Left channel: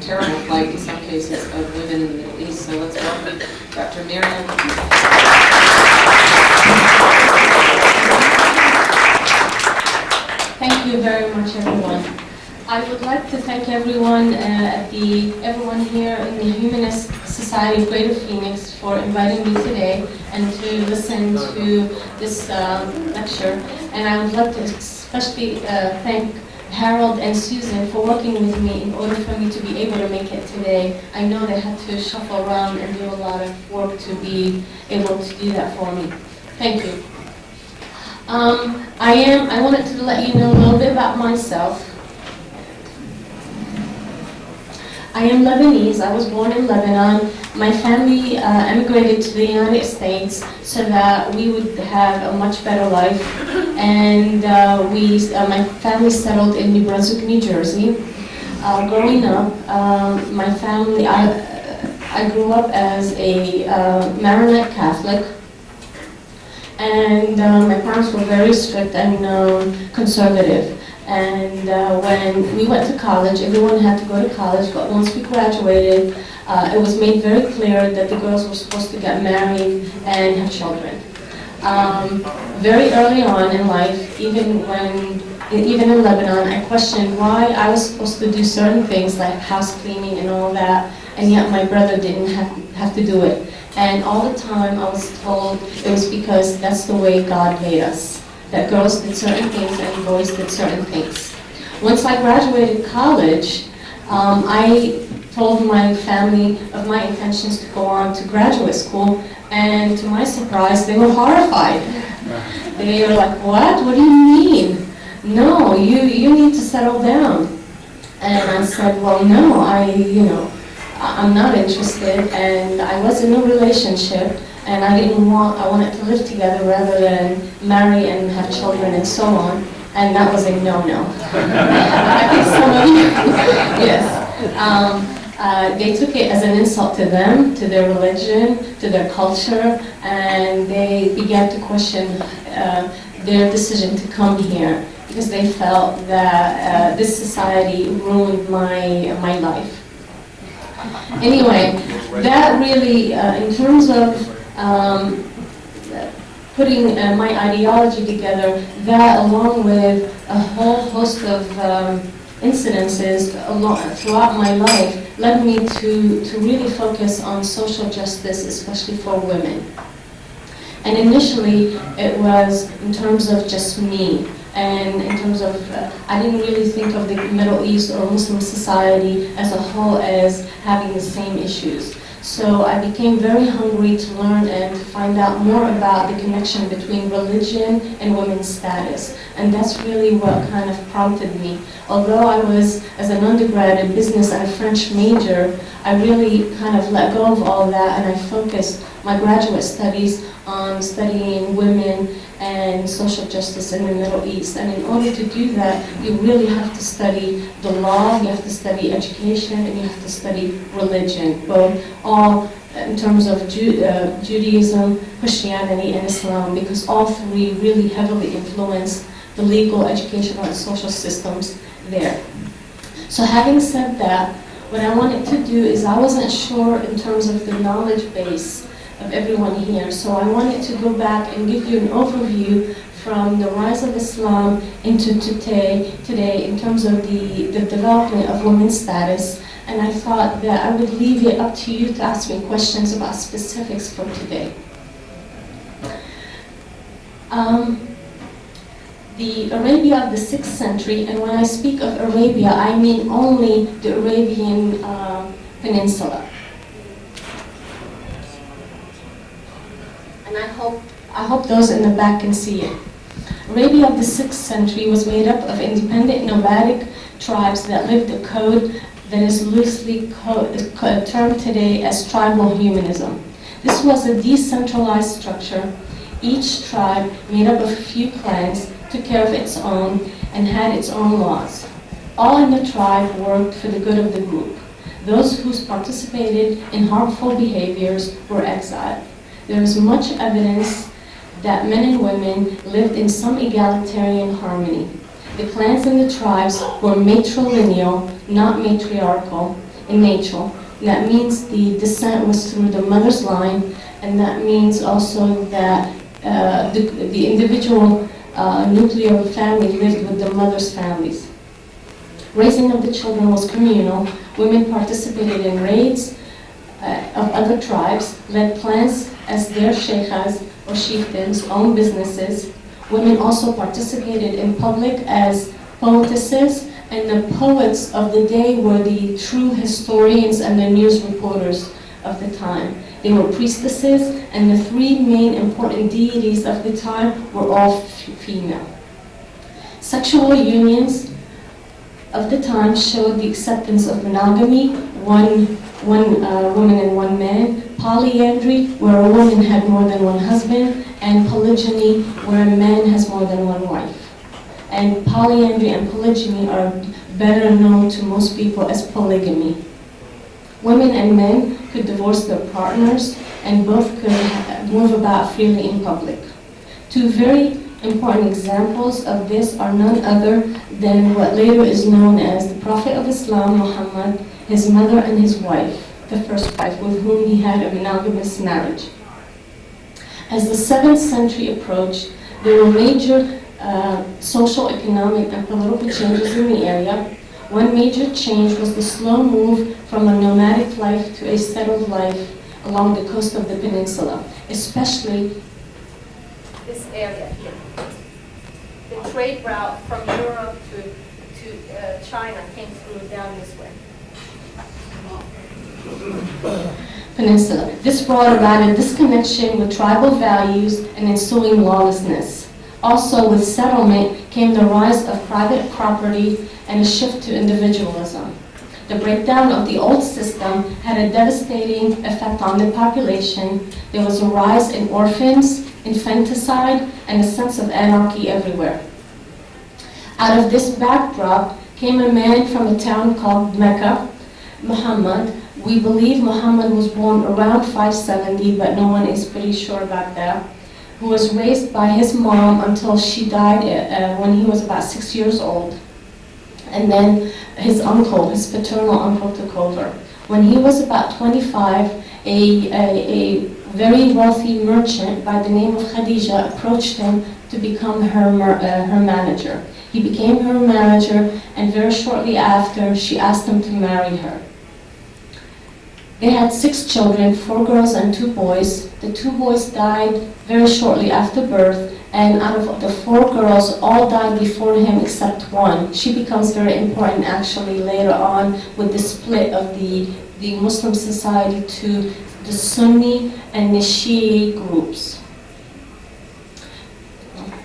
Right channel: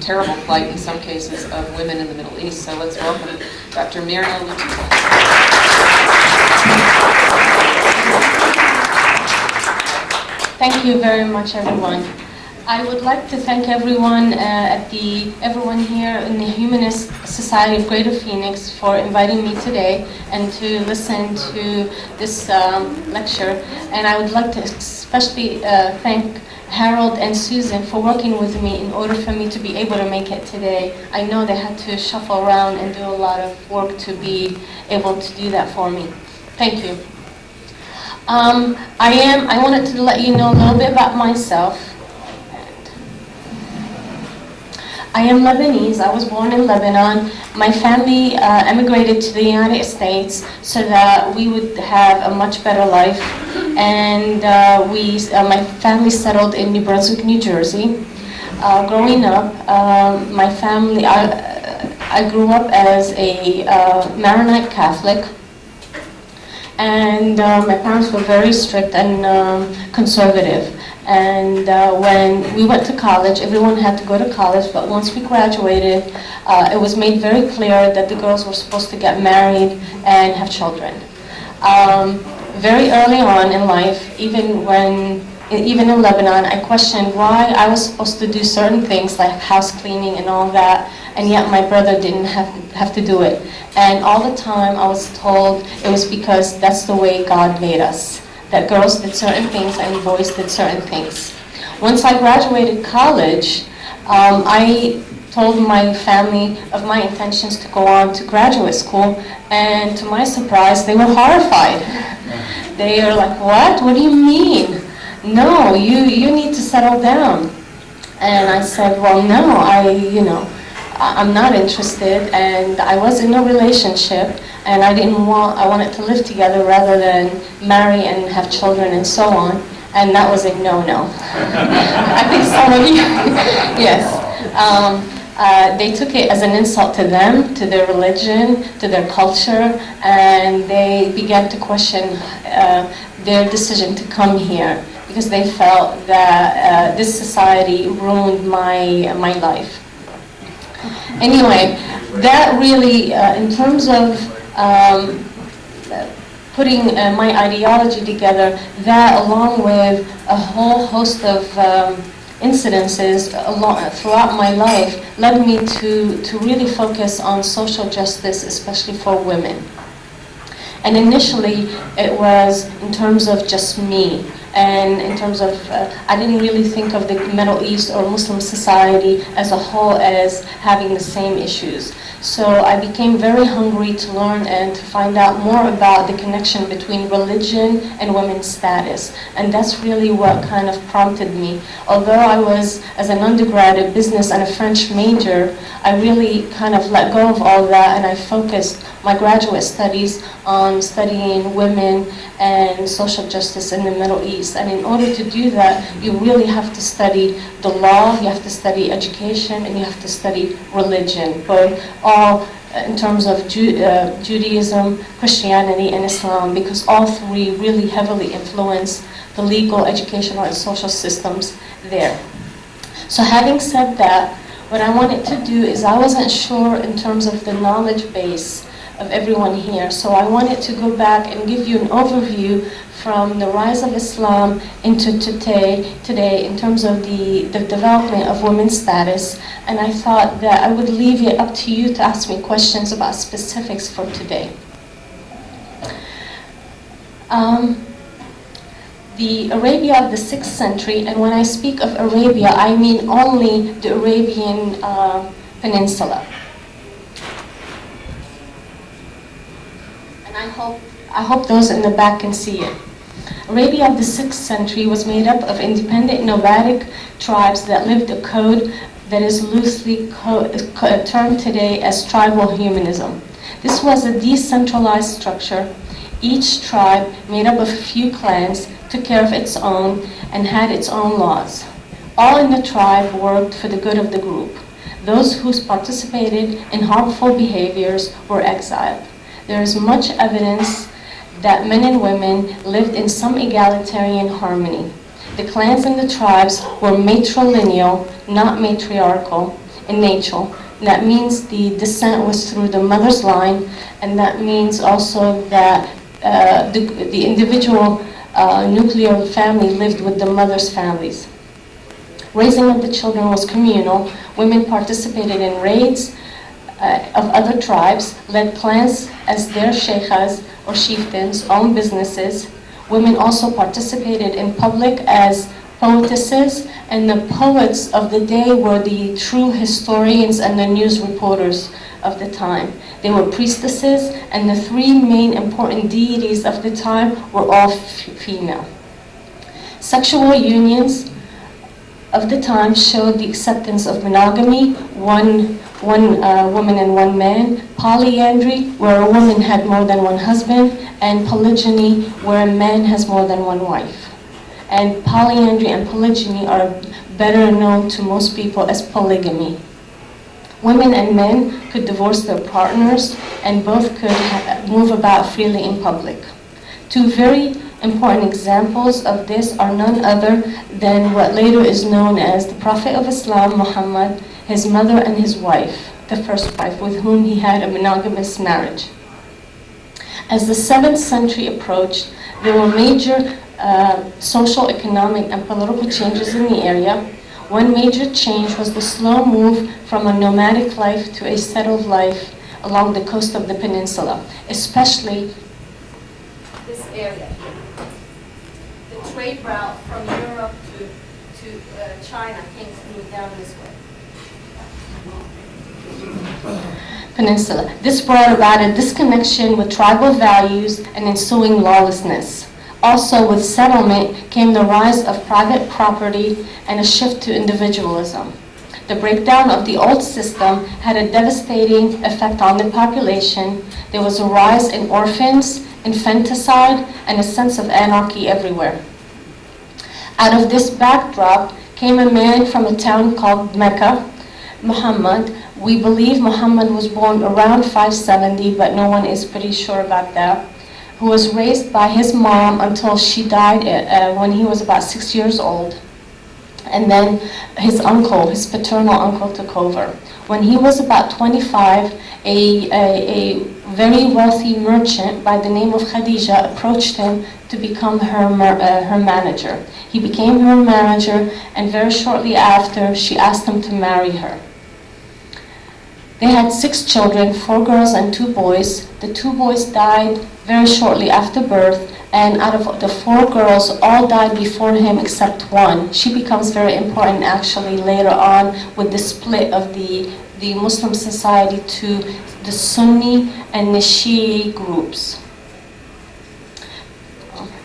terrible plight in some cases of women in the Middle East. So let's welcome Dr. Miriam. Thank you very much, everyone. I would like to thank everyone everyone here in the Humanist Society of Greater Phoenix for inviting me today and to listen to this lecture. And I would like to especially thank Harold and Susan for working with me in order for me to be able to make it today. I know they had to shuffle around and do a lot of work to be able to do that for me. Thank you. I wanted to let you know a little bit about myself. I am Lebanese. I was born in Lebanon. My family emigrated to the United States so that we would have a much better life. And my family settled in New Brunswick, New Jersey. Growing up, my family, I grew up as a Maronite Catholic. And my parents were very strict and conservative. And when we went to college, everyone had to go to college, but once we graduated, it was made very clear that the girls were supposed to get married and have children. Very early on in life, even in Lebanon, I questioned why I was supposed to do certain things like house cleaning and all that, and yet my brother didn't have to do it. And all the time I was told it was because that's the way God made us, that girls did certain things and boys did certain things. Once I graduated college, I told my family of my intentions to go on to graduate school, and to my surprise, they were horrified. They are like, what? What do you mean? No, you need to settle down. And I said, well, no, I'm not interested, and I was in a relationship, and I wanted to live together rather than marry and have children and so on, and that was a no-no. I think some of you, yes. They took it as an insult to them, to their religion, to their culture, and they began to question their decision to come here because they felt that this society ruined my life. Anyway, that really, in terms of putting my ideology together, that along with a whole host of incidences throughout my life led me to really focus on social justice, especially for women. And initially, it was in terms of just me. And in terms of, I didn't really think of the Middle East or Muslim society as a whole as having the same issues. So I became very hungry to learn and to find out more about the connection between religion and women's status. And that's really what kind of prompted me. Although I was, as an undergrad, a business and a French major, I really kind of let go of all that, and I focused my graduate studies on studying women and social justice in the Middle East. And in order to do that, you really have to study the law, you have to study education, and you have to study religion, both all in terms of Judaism, Christianity, and Islam, because all three really heavily influence the legal, educational, and social systems there. So having said that, what I wanted to do is I wasn't sure in terms of the knowledge base of everyone here. So I wanted to go back and give you an overview from the rise of Islam into today in terms of the development of women's status. And I thought that I would leave it up to you to ask me questions about specifics for today. The Arabia of the 6th century, and when I speak of Arabia, I mean only the Arabian Peninsula. And I hope those in the back can see it. Arabia of the 6th century was made up of independent nomadic tribes that lived a code that is loosely termed today as tribal humanism. This was a decentralized structure. Each tribe, made up of a few clans, took care of its own and had its own laws. All in the tribe worked for the good of the group. Those who participated in harmful behaviors were exiled. There is much evidence that men and women lived in some egalitarian harmony. The clans and the tribes were matrilineal, not matriarchal, in nature. That means the descent was through the mother's line, and that means also that the individual nuclear family lived with the mother's families. Raising of the children was communal. Women participated in raids of other tribes, led clans as their sheikhas or chieftains, owned businesses. Women also participated in public as poetesses, and the poets of the day were the true historians and the news reporters of the time. They were priestesses, and the three main important deities of the time were all female. Sexual unions of the time showed the acceptance of monogamy, one woman and one man, polyandry, where a woman had more than one husband, and polygyny, where a man has more than one wife. And polyandry and polygyny are better known to most people as polygamy. Women and men could divorce their partners, and both could move about freely in public. Two very important examples of this are none other than what later is known as the Prophet of Islam, Muhammad, his mother and his wife, the first wife, with whom he had a monogamous marriage. As the 7th century approached, there were major social, economic, and political changes in the area. One major change was the slow move from a nomadic life to a settled life along the coast of the peninsula, especially this area here. The trade route from Europe to China came through down this way. Peninsula. This brought about a disconnection with tribal values and ensuing lawlessness. Also, with settlement came the rise of private property and a shift to individualism. The breakdown of the old system had a devastating effect on the population. There was a rise in orphans, infanticide, and a sense of anarchy everywhere. Out of this backdrop came a man from a town called Mecca, Muhammad. We believe Muhammad was born around 570, but no one is pretty sure about that, who was raised by his mom until she died when he was about 6 years old. And then his uncle, his paternal uncle, took over. When he was about 25, a very wealthy merchant by the name of Khadija approached him to become her manager. He became her manager, and very shortly after, she asked him to marry her. They had 6 children, 4 girls and 2 boys. The 2 boys died very shortly after birth, and out of the 4 girls, all died before him except one. She becomes very important actually later on with the split of the Muslim society to the Sunni and the Shi'i groups.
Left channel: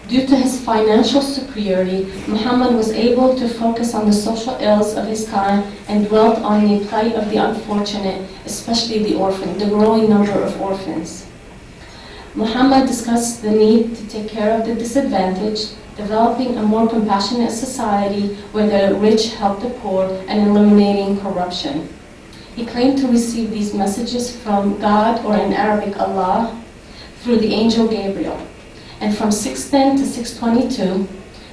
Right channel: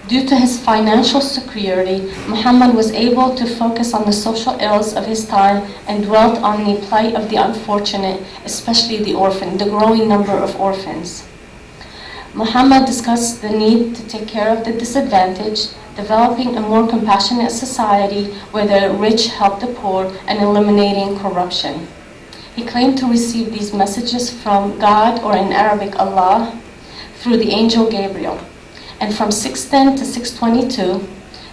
Due to his financial security, Muhammad was able to focus on the social ills of his time and dwelt on the plight of the unfortunate, especially the orphan, the growing number of orphans. Muhammad discussed the need to take care of the disadvantaged, developing a more compassionate society where the rich help the poor, and eliminating corruption. He claimed to receive these messages from God, or in Arabic, Allah, through the angel Gabriel. And from 610 to 622,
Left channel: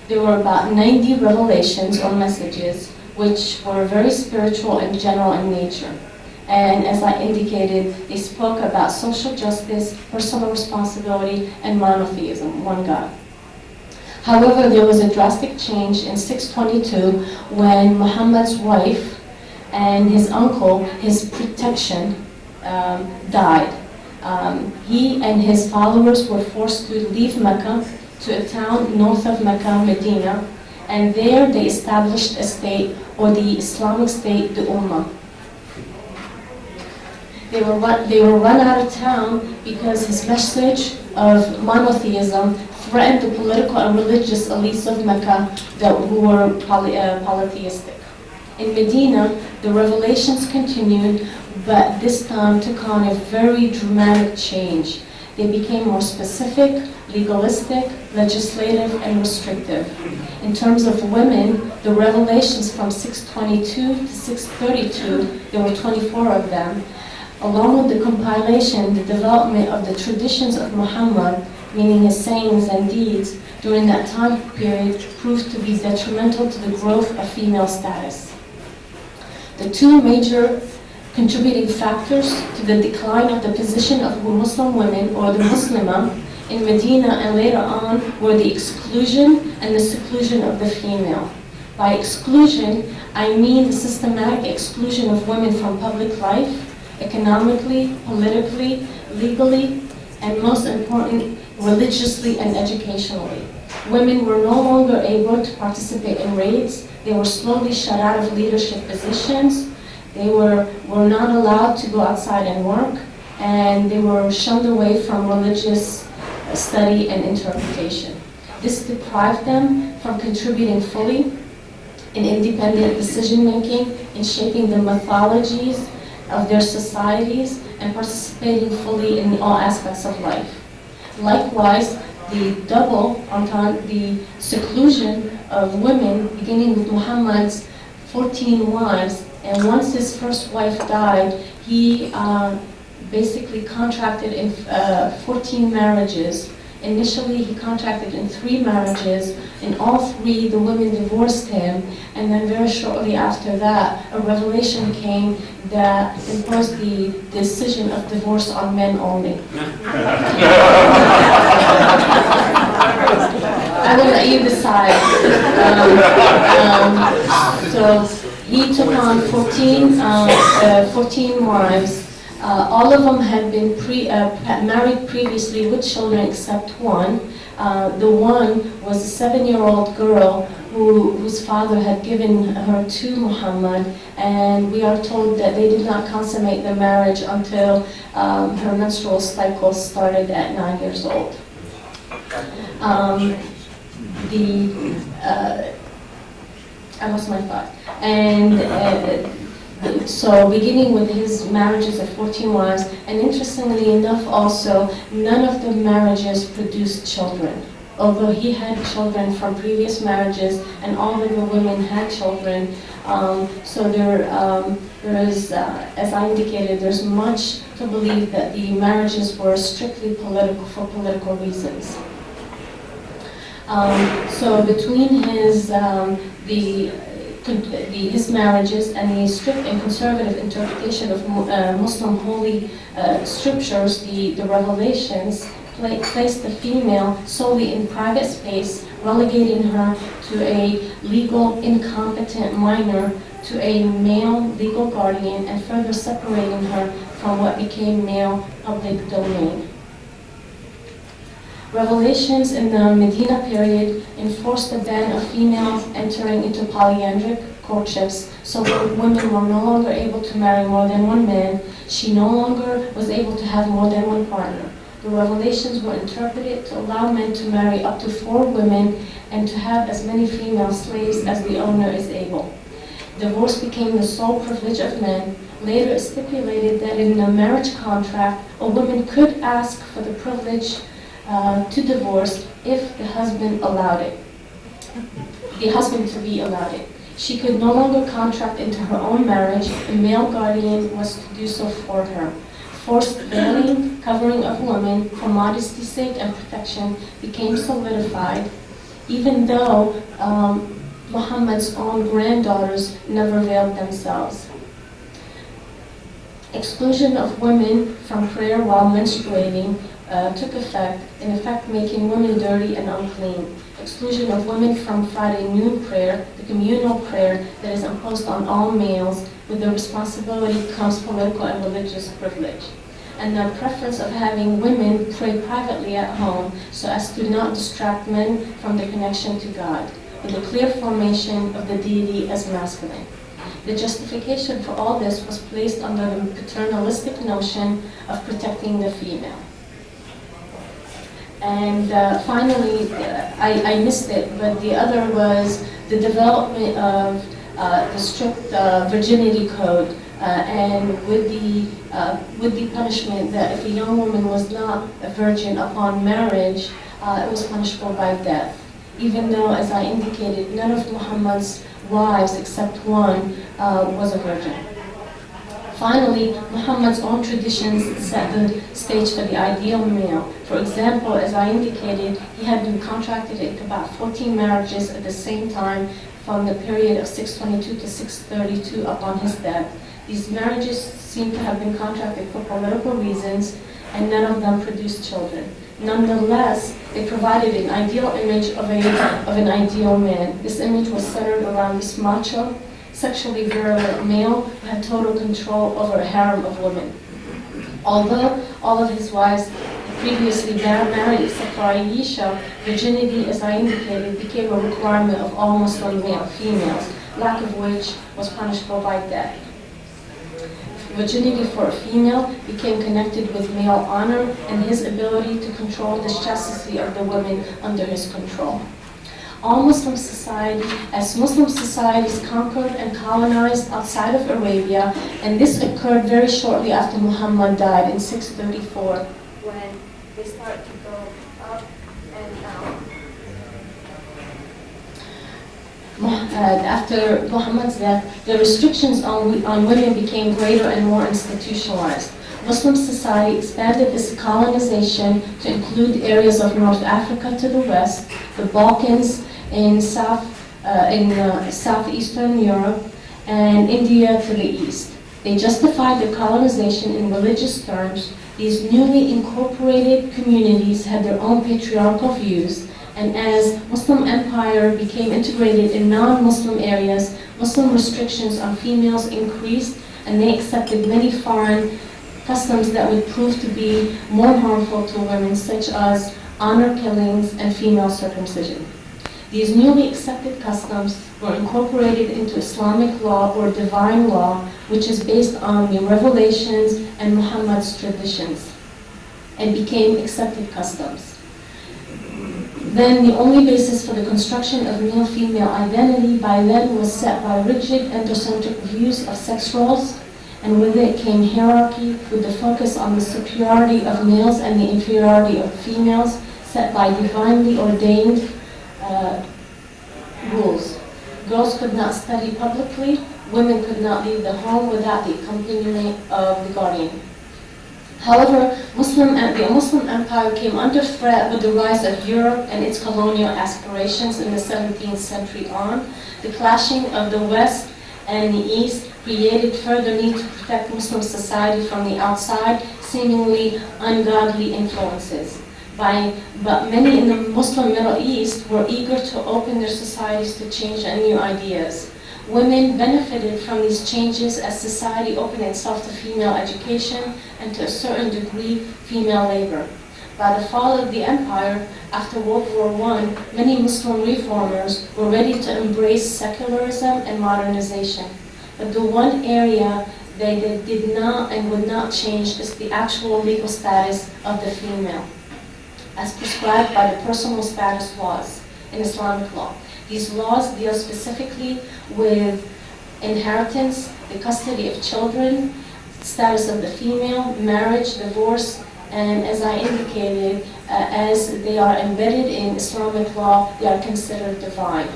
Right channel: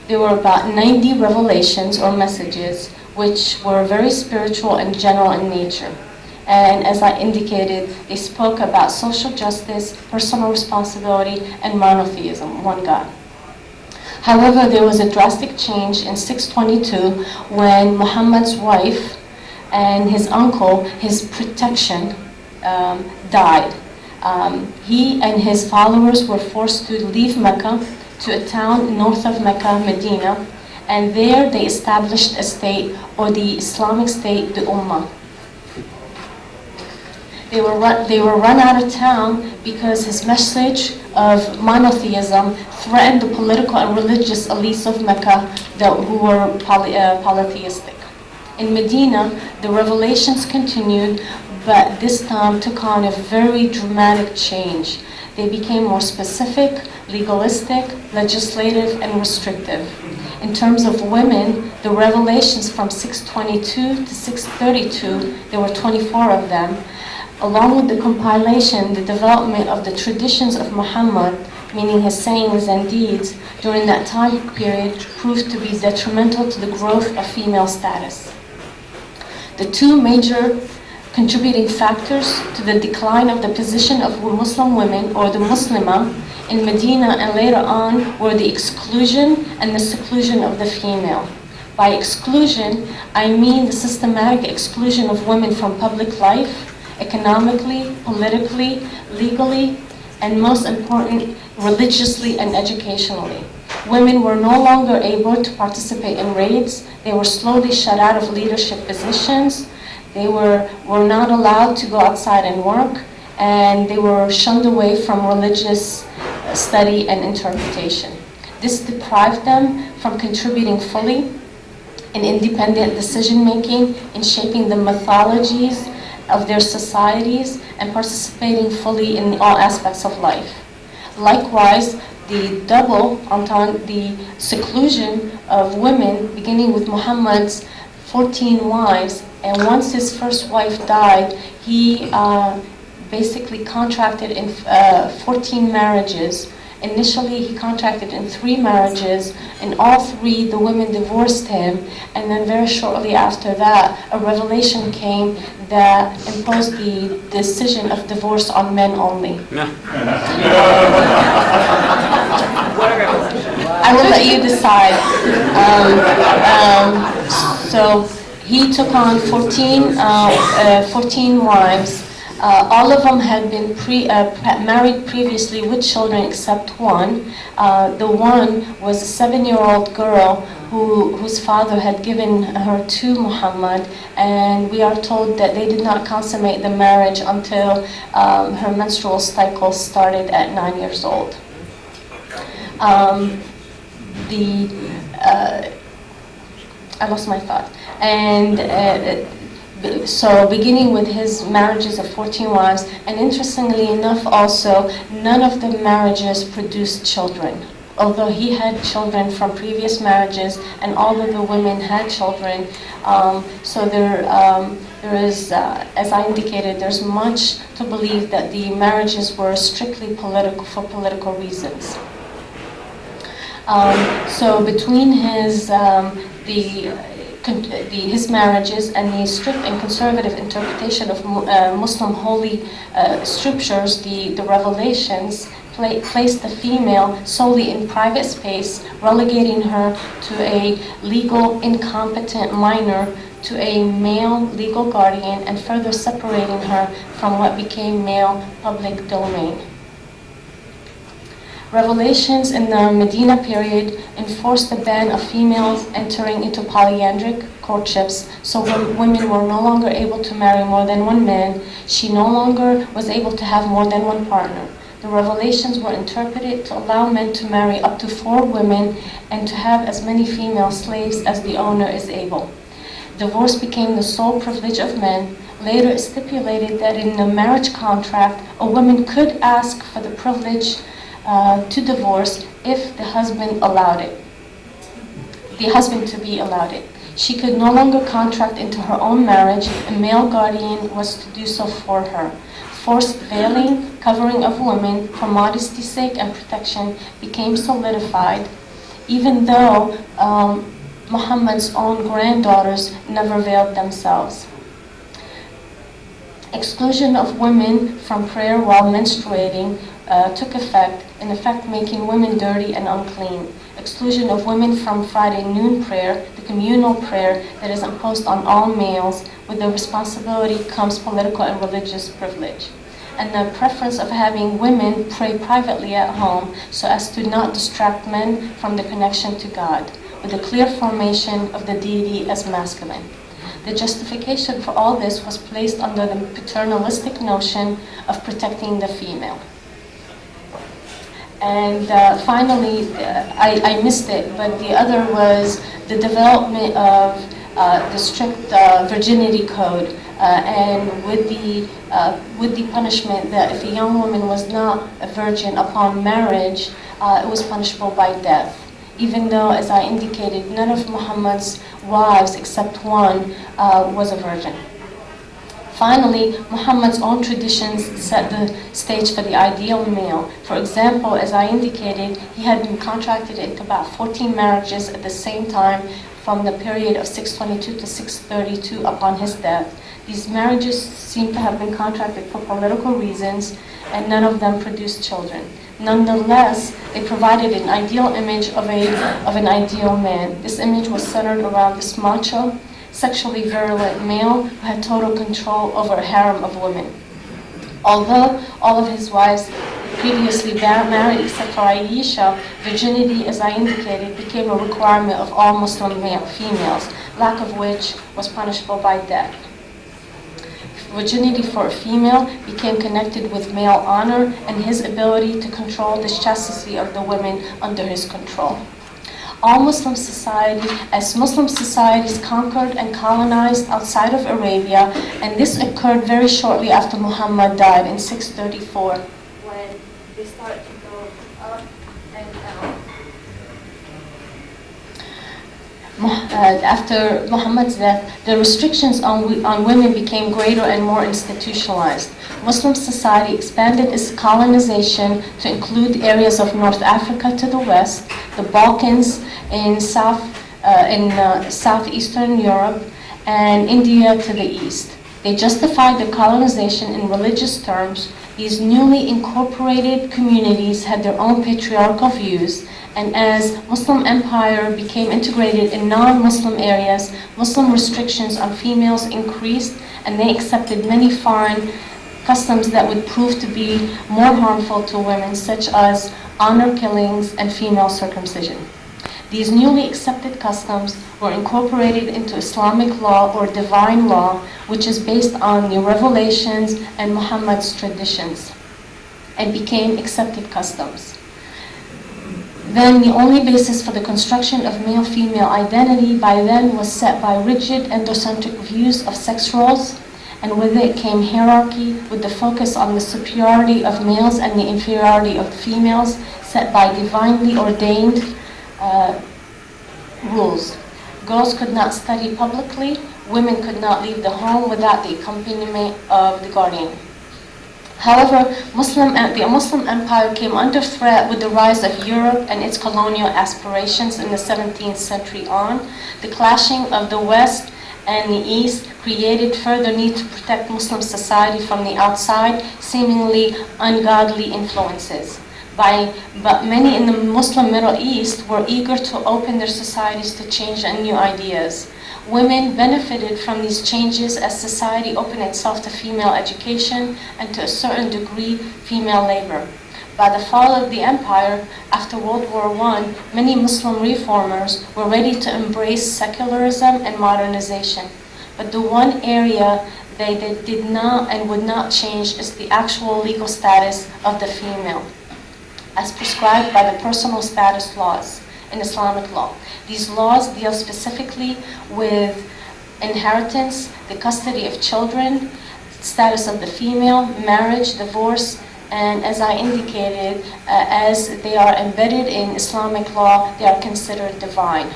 there were about 90 revelations or messages, which were very spiritual and general in nature. And as I indicated, they spoke about social justice, personal responsibility, and monotheism, one God. However, there was a drastic change in 622 when Muhammad's wife and his uncle, his protection, died. He and his followers were forced to leave Mecca to a town north of Mecca, Medina, and there they established a state, or the Islamic State, the Ummah. They were run out of town because his message of monotheism threatened the political and religious elites of Mecca who were polytheistic. In Medina, the revelations continued, but this time took on a very dramatic change. They became more specific, legalistic, legislative, and restrictive. In terms of women, the revelations from 622 to 632, there were 24 of them, along with the compilation, the development of the traditions of Muhammad, meaning his sayings and deeds, during that time period proved to be detrimental to the growth of female status. The two major contributing factors to the decline of the position of Muslim women, or the Muslimah, in Medina and later on were the exclusion and the seclusion of the female. By exclusion, I mean the systematic exclusion of women from public life, economically, politically, legally, and most important, religiously and educationally. Women were no longer able to participate in raids. They were slowly shut out of leadership positions. They were not allowed to go outside and work, and they were shunned away from religious study and interpretation. This deprived them from contributing fully in independent decision-making, in shaping the mythologies of their societies, and participating fully in all aspects of life. Likewise, the double entente, the seclusion of women, beginning with Muhammad's 14 wives, and once his first wife died, he basically contracted in 14 marriages. Initially, he contracted in 3 marriages. In all 3, the women divorced him, and then very shortly after that, a revelation came that imposed the decision of divorce on men only. I will let you decide. So he took on 14 wives. All of them had been married previously with children except one. The one was a 7-year-old girl whose father had given her to Muhammad, and we are told that they did not consummate the marriage until her menstrual cycle started at 9 years old. I lost my thought. And so beginning with his marriages of 14 wives, and interestingly enough also, none of the marriages produced children. Although he had children from previous marriages, and all of the women had children, so there is, as I indicated, there's much to believe that the marriages were strictly political, for political reasons. So between his his marriages and the strict and conservative interpretation of Muslim holy scriptures, the revelations, placed the female solely in private space, relegating her to a legal incompetent minor to a male legal guardian, and further separating her from what became male public domain. Revelations in the Medina period enforced the ban of females entering into polyandric courtships, so when women were no longer able to marry more than one man, she no longer was able to have more than one partner. The revelations were interpreted to allow men to marry up to 4 women and to have as many female slaves as the owner is able. Divorce became the sole privilege of men. Later it stipulated that in a marriage contract, a woman could ask for the privilege to divorce if the husband allowed it, the husband to be allowed it. She could no longer contract into her own marriage. A male guardian was to do so for her. Forced veiling, covering of women for modesty's sake and protection became solidified, even though Muhammad's own granddaughters never veiled themselves. Exclusion of women from prayer while menstruating took effect, in effect making women dirty and unclean. Exclusion of women from Friday noon prayer, the communal prayer that is imposed on all males. With the responsibility comes political and religious privilege. And the preference of having women pray privately at home so as to not distract men from the connection to God, with a clear formation of the deity as masculine. The justification for all this was placed under the paternalistic notion of protecting the female. And finally, I missed it, but the other was the development of the strict virginity code, and with the punishment that if a young woman was not a virgin upon marriage, it was punishable by death. Even though, as I indicated, none of Muhammad's wives except one was a virgin. Finally, Muhammad's own traditions set the stage for the ideal male. For example, as I indicated, he had been contracted into about 14 marriages at the same time from the period of 622 to 632 upon his death. These marriages seem to have been contracted for political reasons, and none of them produced children. Nonetheless, they provided an ideal image of an ideal man. This image was centered around this macho, sexually virulent male who had total control over a harem of women. Although all of his wives previously married except for Aisha, virginity, as I indicated, became a requirement of all Muslim females, lack of which was punishable by death. Virginity for a female became connected with male honor and his ability to control the chastity of the women under his control. All Muslim society, as Muslim societies conquered and colonized outside of Arabia, and this occurred very shortly after Muhammad died in 634, when they started to go up and down. After Muhammad's death, the restrictions on women became greater and more institutionalized. Muslim society expanded its colonization to include areas of North Africa to the west, the Balkans in southeastern Europe, and India to the east. They justified the colonization in religious terms. These newly incorporated communities had their own patriarchal views, and as Muslim empire became integrated in non-Muslim areas, Muslim restrictions on females increased, and they accepted many foreign customs that would prove to be more harmful to women, such as honor killings and female circumcision. These newly accepted customs were incorporated into Islamic law or divine law, which is based on the revelations and Muhammad's traditions, and became accepted customs. Then the only basis for the construction of male-female identity by then was set by rigid androcentric views of sex roles, and with it came hierarchy with the focus on the superiority of males and the inferiority of females set by divinely ordained rules. Girls could not study publicly, women could not leave the home without the accompaniment of the guardian. However, the Muslim empire came under threat with the rise of Europe and its colonial aspirations in the 17th century on. The clashing of the West and the East created further need to protect Muslim society from the outside, seemingly ungodly influences. But many in the Muslim Middle East were eager to open their societies to change and new ideas. Women benefited from these changes as society opened itself to female education and to a certain degree female labor. By the fall of the empire, after World War I, many Muslim reformers were ready to embrace secularism and modernization. But the one area they did not and would not change is the actual legal status of the female, as prescribed by the personal status laws in Islamic law. These laws deal specifically with inheritance, the custody of children, status of the female, marriage, divorce, and as I indicated, as they are embedded in Islamic law, they are considered divine.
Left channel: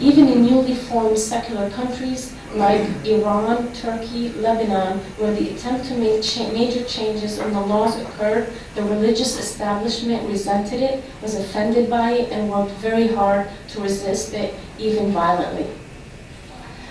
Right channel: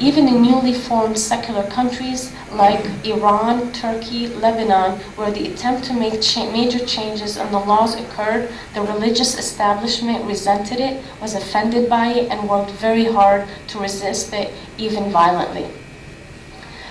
Even in newly formed secular countries like Iran, Turkey, Lebanon, where the attempt to make major changes in the laws occurred, the religious establishment resented it, was offended by it, and worked very hard to resist it, even violently.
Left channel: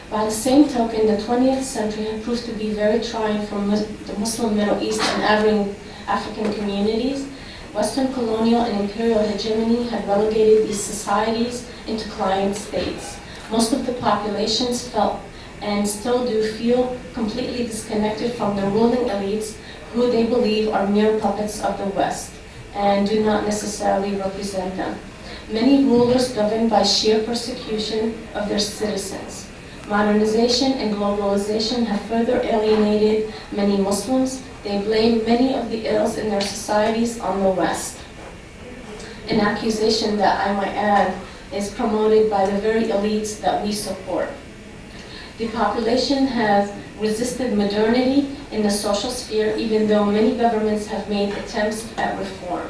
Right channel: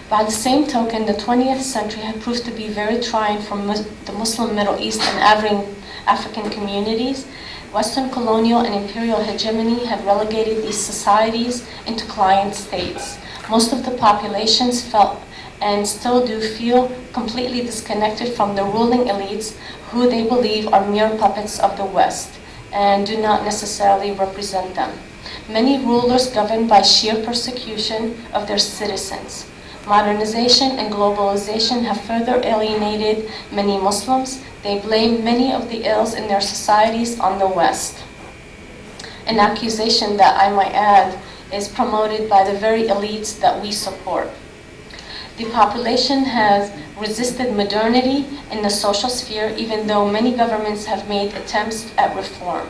By the same token, the 20th century had proved to be very trying for the Muslim Middle East and African communities. Western colonial and imperial hegemony had relegated these societies into client states. Most of the populations felt and still do feel completely disconnected from the ruling elites who they believe are mere puppets of the West and do not necessarily represent them. Many rulers governed by sheer persecution of their citizens. Modernization and globalization have further alienated many Muslims. They blame many of the ills in their societies on the West. An accusation that, I might add, is promoted by the very elites that we support. The population has resisted modernity in the social sphere, even though many governments have made attempts at reform.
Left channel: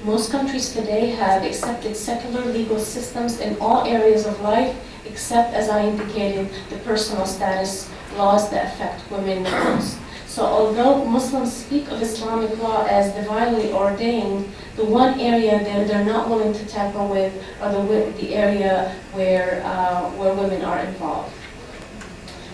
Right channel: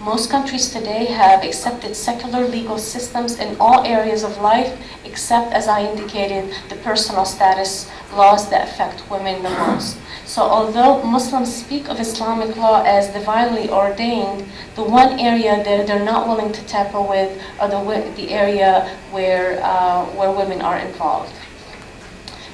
Most countries today have accepted secular legal systems in all areas of life, except, as I indicated, the personal status laws that affect women the most. So although Muslims speak of Islamic law as divinely ordained, the one area that they're not willing to tamper with are the area where women are involved.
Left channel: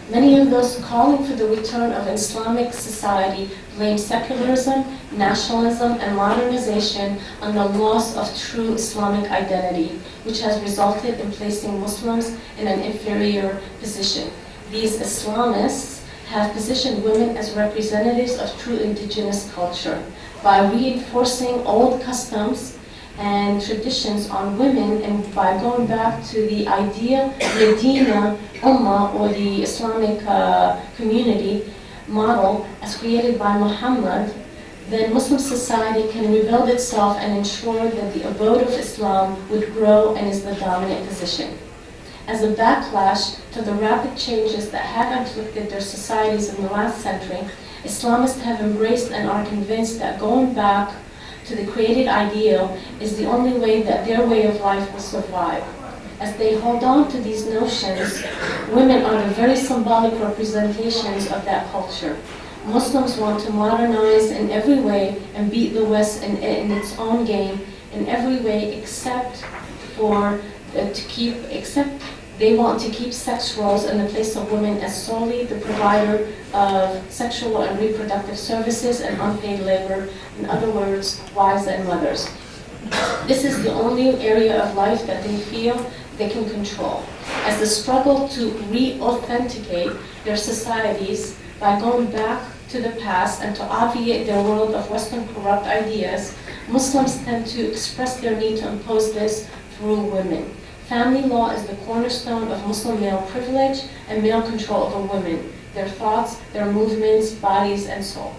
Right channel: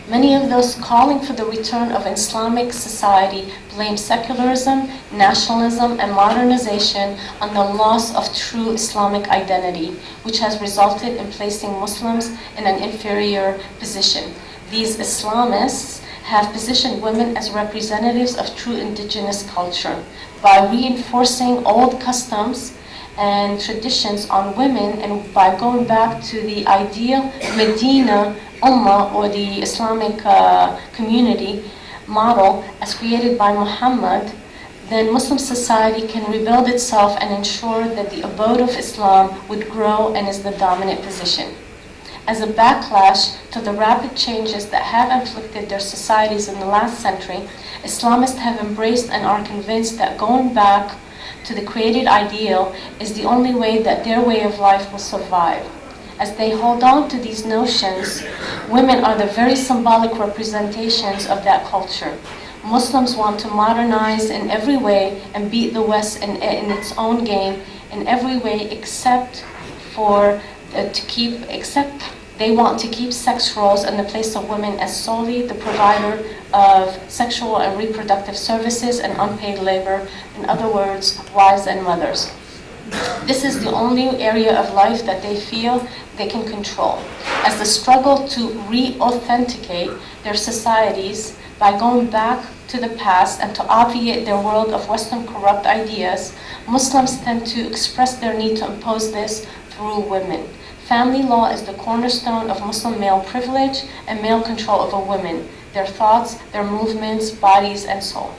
Many of those calling for the return of Islamic society blame secularism, nationalism, and modernization on the loss of true Islamic identity, which has resulted in placing Muslims in an inferior position. These Islamists have positioned women as representatives of true indigenous culture by reinforcing old customs and traditions on women, and by going back to the ideal Medina Ummah, or the Islamic community model as created by Muhammad, then Muslim society can rebuild itself and ensure that the abode of Islam would grow and is the dominant position. As a backlash to the rapid changes that have afflicted their societies in the last century, Islamists have embraced and are convinced that going back to the created ideal is the only way that their way of life will survive. As they hold on to these notions, women are the very symbolic representations of that culture. Muslims want to modernize in every way and beat the West in its own game in every way except they want to keep sex roles in the place of women as solely the provider of sexual and reproductive services and unpaid labor, in other words, wives and mothers. This is the only area of life that they feel they can control. As the struggle to re-authenticate their societies by going back to the past and to obviate their world of Western corrupt ideas, Muslims tend to express their need to impose this through women. Family law is the cornerstone of Muslim male privilege and male control over women, their thoughts, their movements, bodies, and soul.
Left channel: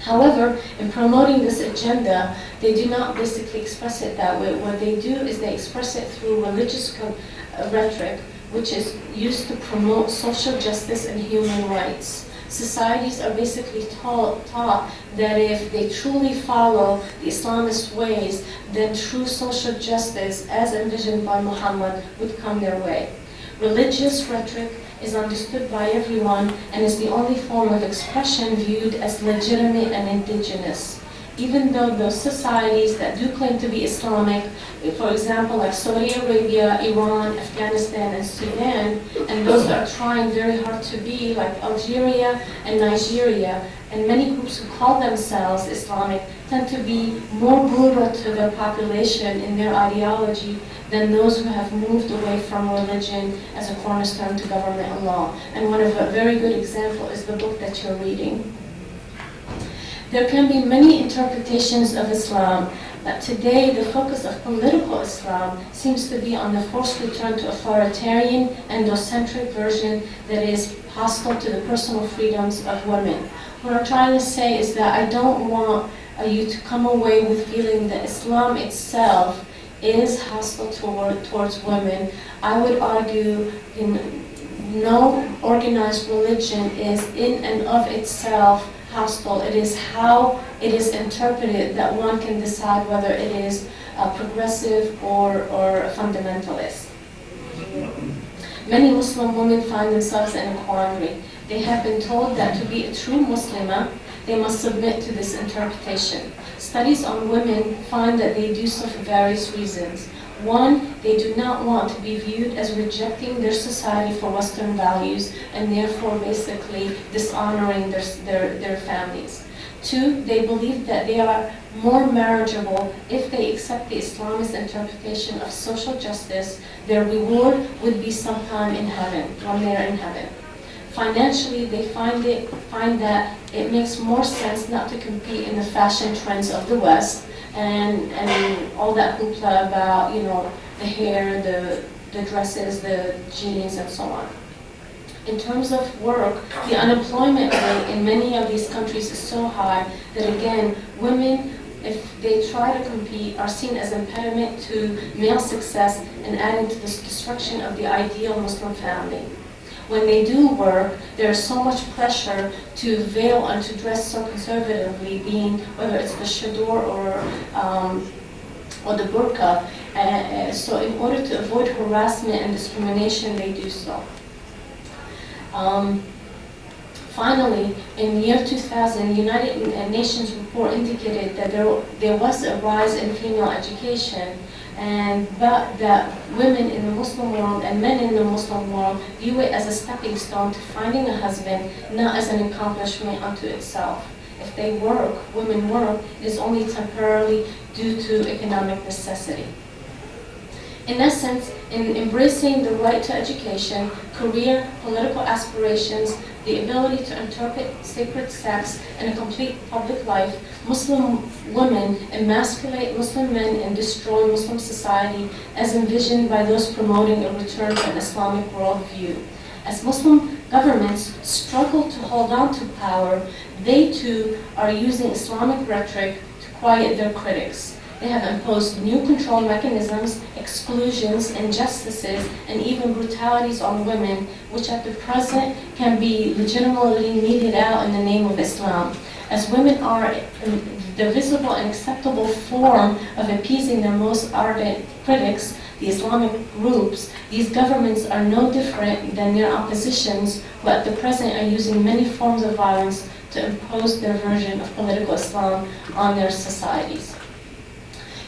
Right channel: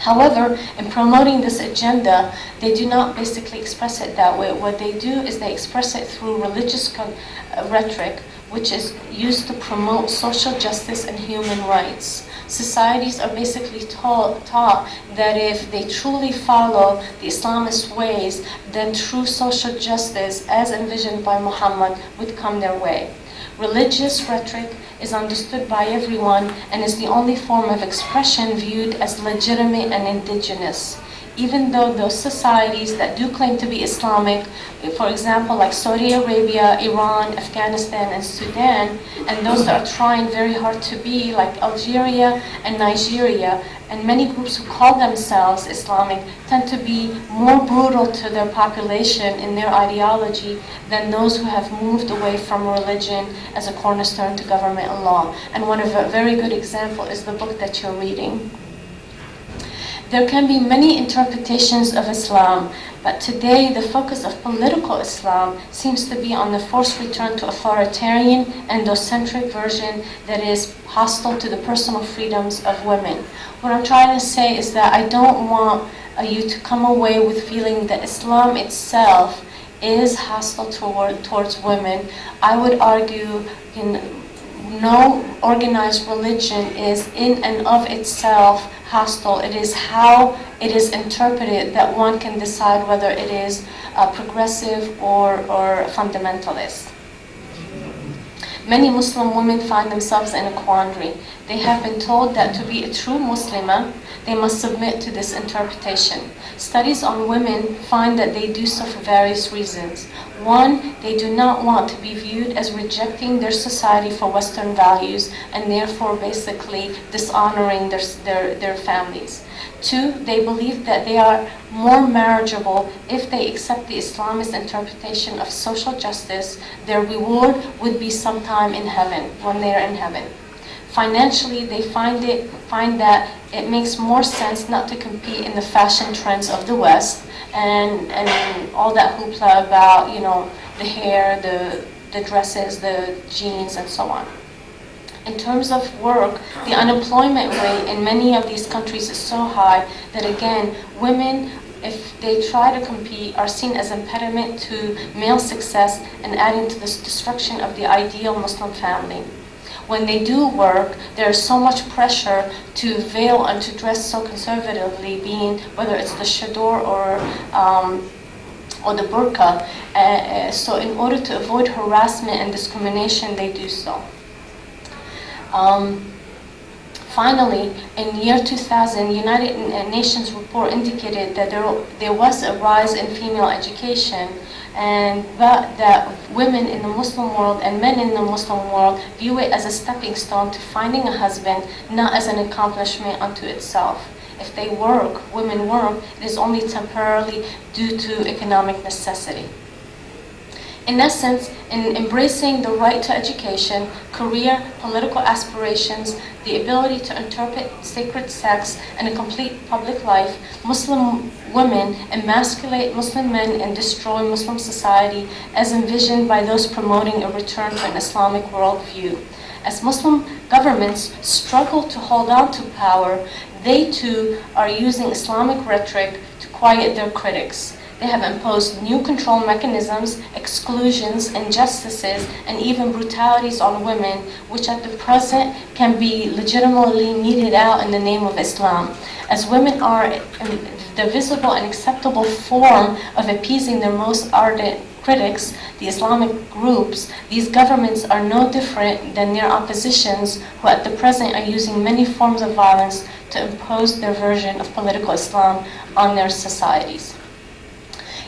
However, in promoting this agenda, they do not basically express it that way. What they do is they express it through religious rhetoric, which is used to promote social justice and human rights. Societies are basically taught that if they truly follow the Islamist ways, then true social justice, as envisioned by Muhammad, would come their way. Religious rhetoric is understood by everyone and is the only form of expression viewed as legitimate and indigenous. Even though those societies that do claim to be Islamic, for example, like Saudi Arabia, Iran, Afghanistan, and Sudan, and those that are trying very hard to be, like Algeria and Nigeria, and many groups who call themselves Islamic tend to be more brutal to their population in their ideology than those who have moved away from religion as a cornerstone to government and law. And one of a very good example is the book that you're reading. There can be many interpretations of Islam, but today the focus of political Islam seems to be on the forced return to authoritarian, endocentric version that is hostile to the personal freedoms of women. What I'm trying to say is that I don't want you to come away with feeling that Islam itself is hostile towards women. I would argue no organized religion is in and of itself hostile. It is how it is interpreted that one can decide whether it is progressive or fundamentalist. Many Muslim women find themselves in a quandary. They have been told that to be a true Muslimah, they must submit to this interpretation. Studies on women find that they do so for various reasons. One, they do not want to be viewed as rejecting their society for Western values and therefore basically dishonoring their families. Two, they believe that they are more marriageable if they accept the Islamist interpretation of social justice. Their reward would be sometime in heaven, when they are in heaven. Financially, they find that it makes more sense not to compete in the fashion trends of the West and all that hoopla about, the hair, the dresses, the jeans, and so on. In terms of work, the unemployment rate in many of these countries is so high that, again, women, if they try to compete, are seen as impediment to male success and adding to this destruction of the ideal Muslim family. When they do work, there is so much pressure to veil and to dress so conservatively, being whether it's the chador or the burqa. So in order to avoid harassment and discrimination, they do so. Finally, in year 2000, United Nations report indicated that there was a rise in female education, and that women in the Muslim world and men in the Muslim world view it as a stepping stone to finding a husband, not as an accomplishment unto itself. If they work, women work, it is only temporarily due to economic necessity. In essence, in embracing the right to education, career, political aspirations, the ability to interpret sacred texts, and a complete public life, Muslim women emasculate Muslim men and destroy Muslim society as envisioned by those promoting a return to an Islamic worldview. As Muslim governments struggle to hold on to power, they too are using Islamic rhetoric to quiet their critics. They have imposed new control mechanisms, exclusions, injustices, and even brutalities on women, which at the present can be legitimately meted out in the name of Islam. As women are the visible and acceptable form of appeasing their most ardent critics, the Islamic groups, these governments are no different than their oppositions, who at the present are using many forms of violence to impose their version of political Islam on their societies.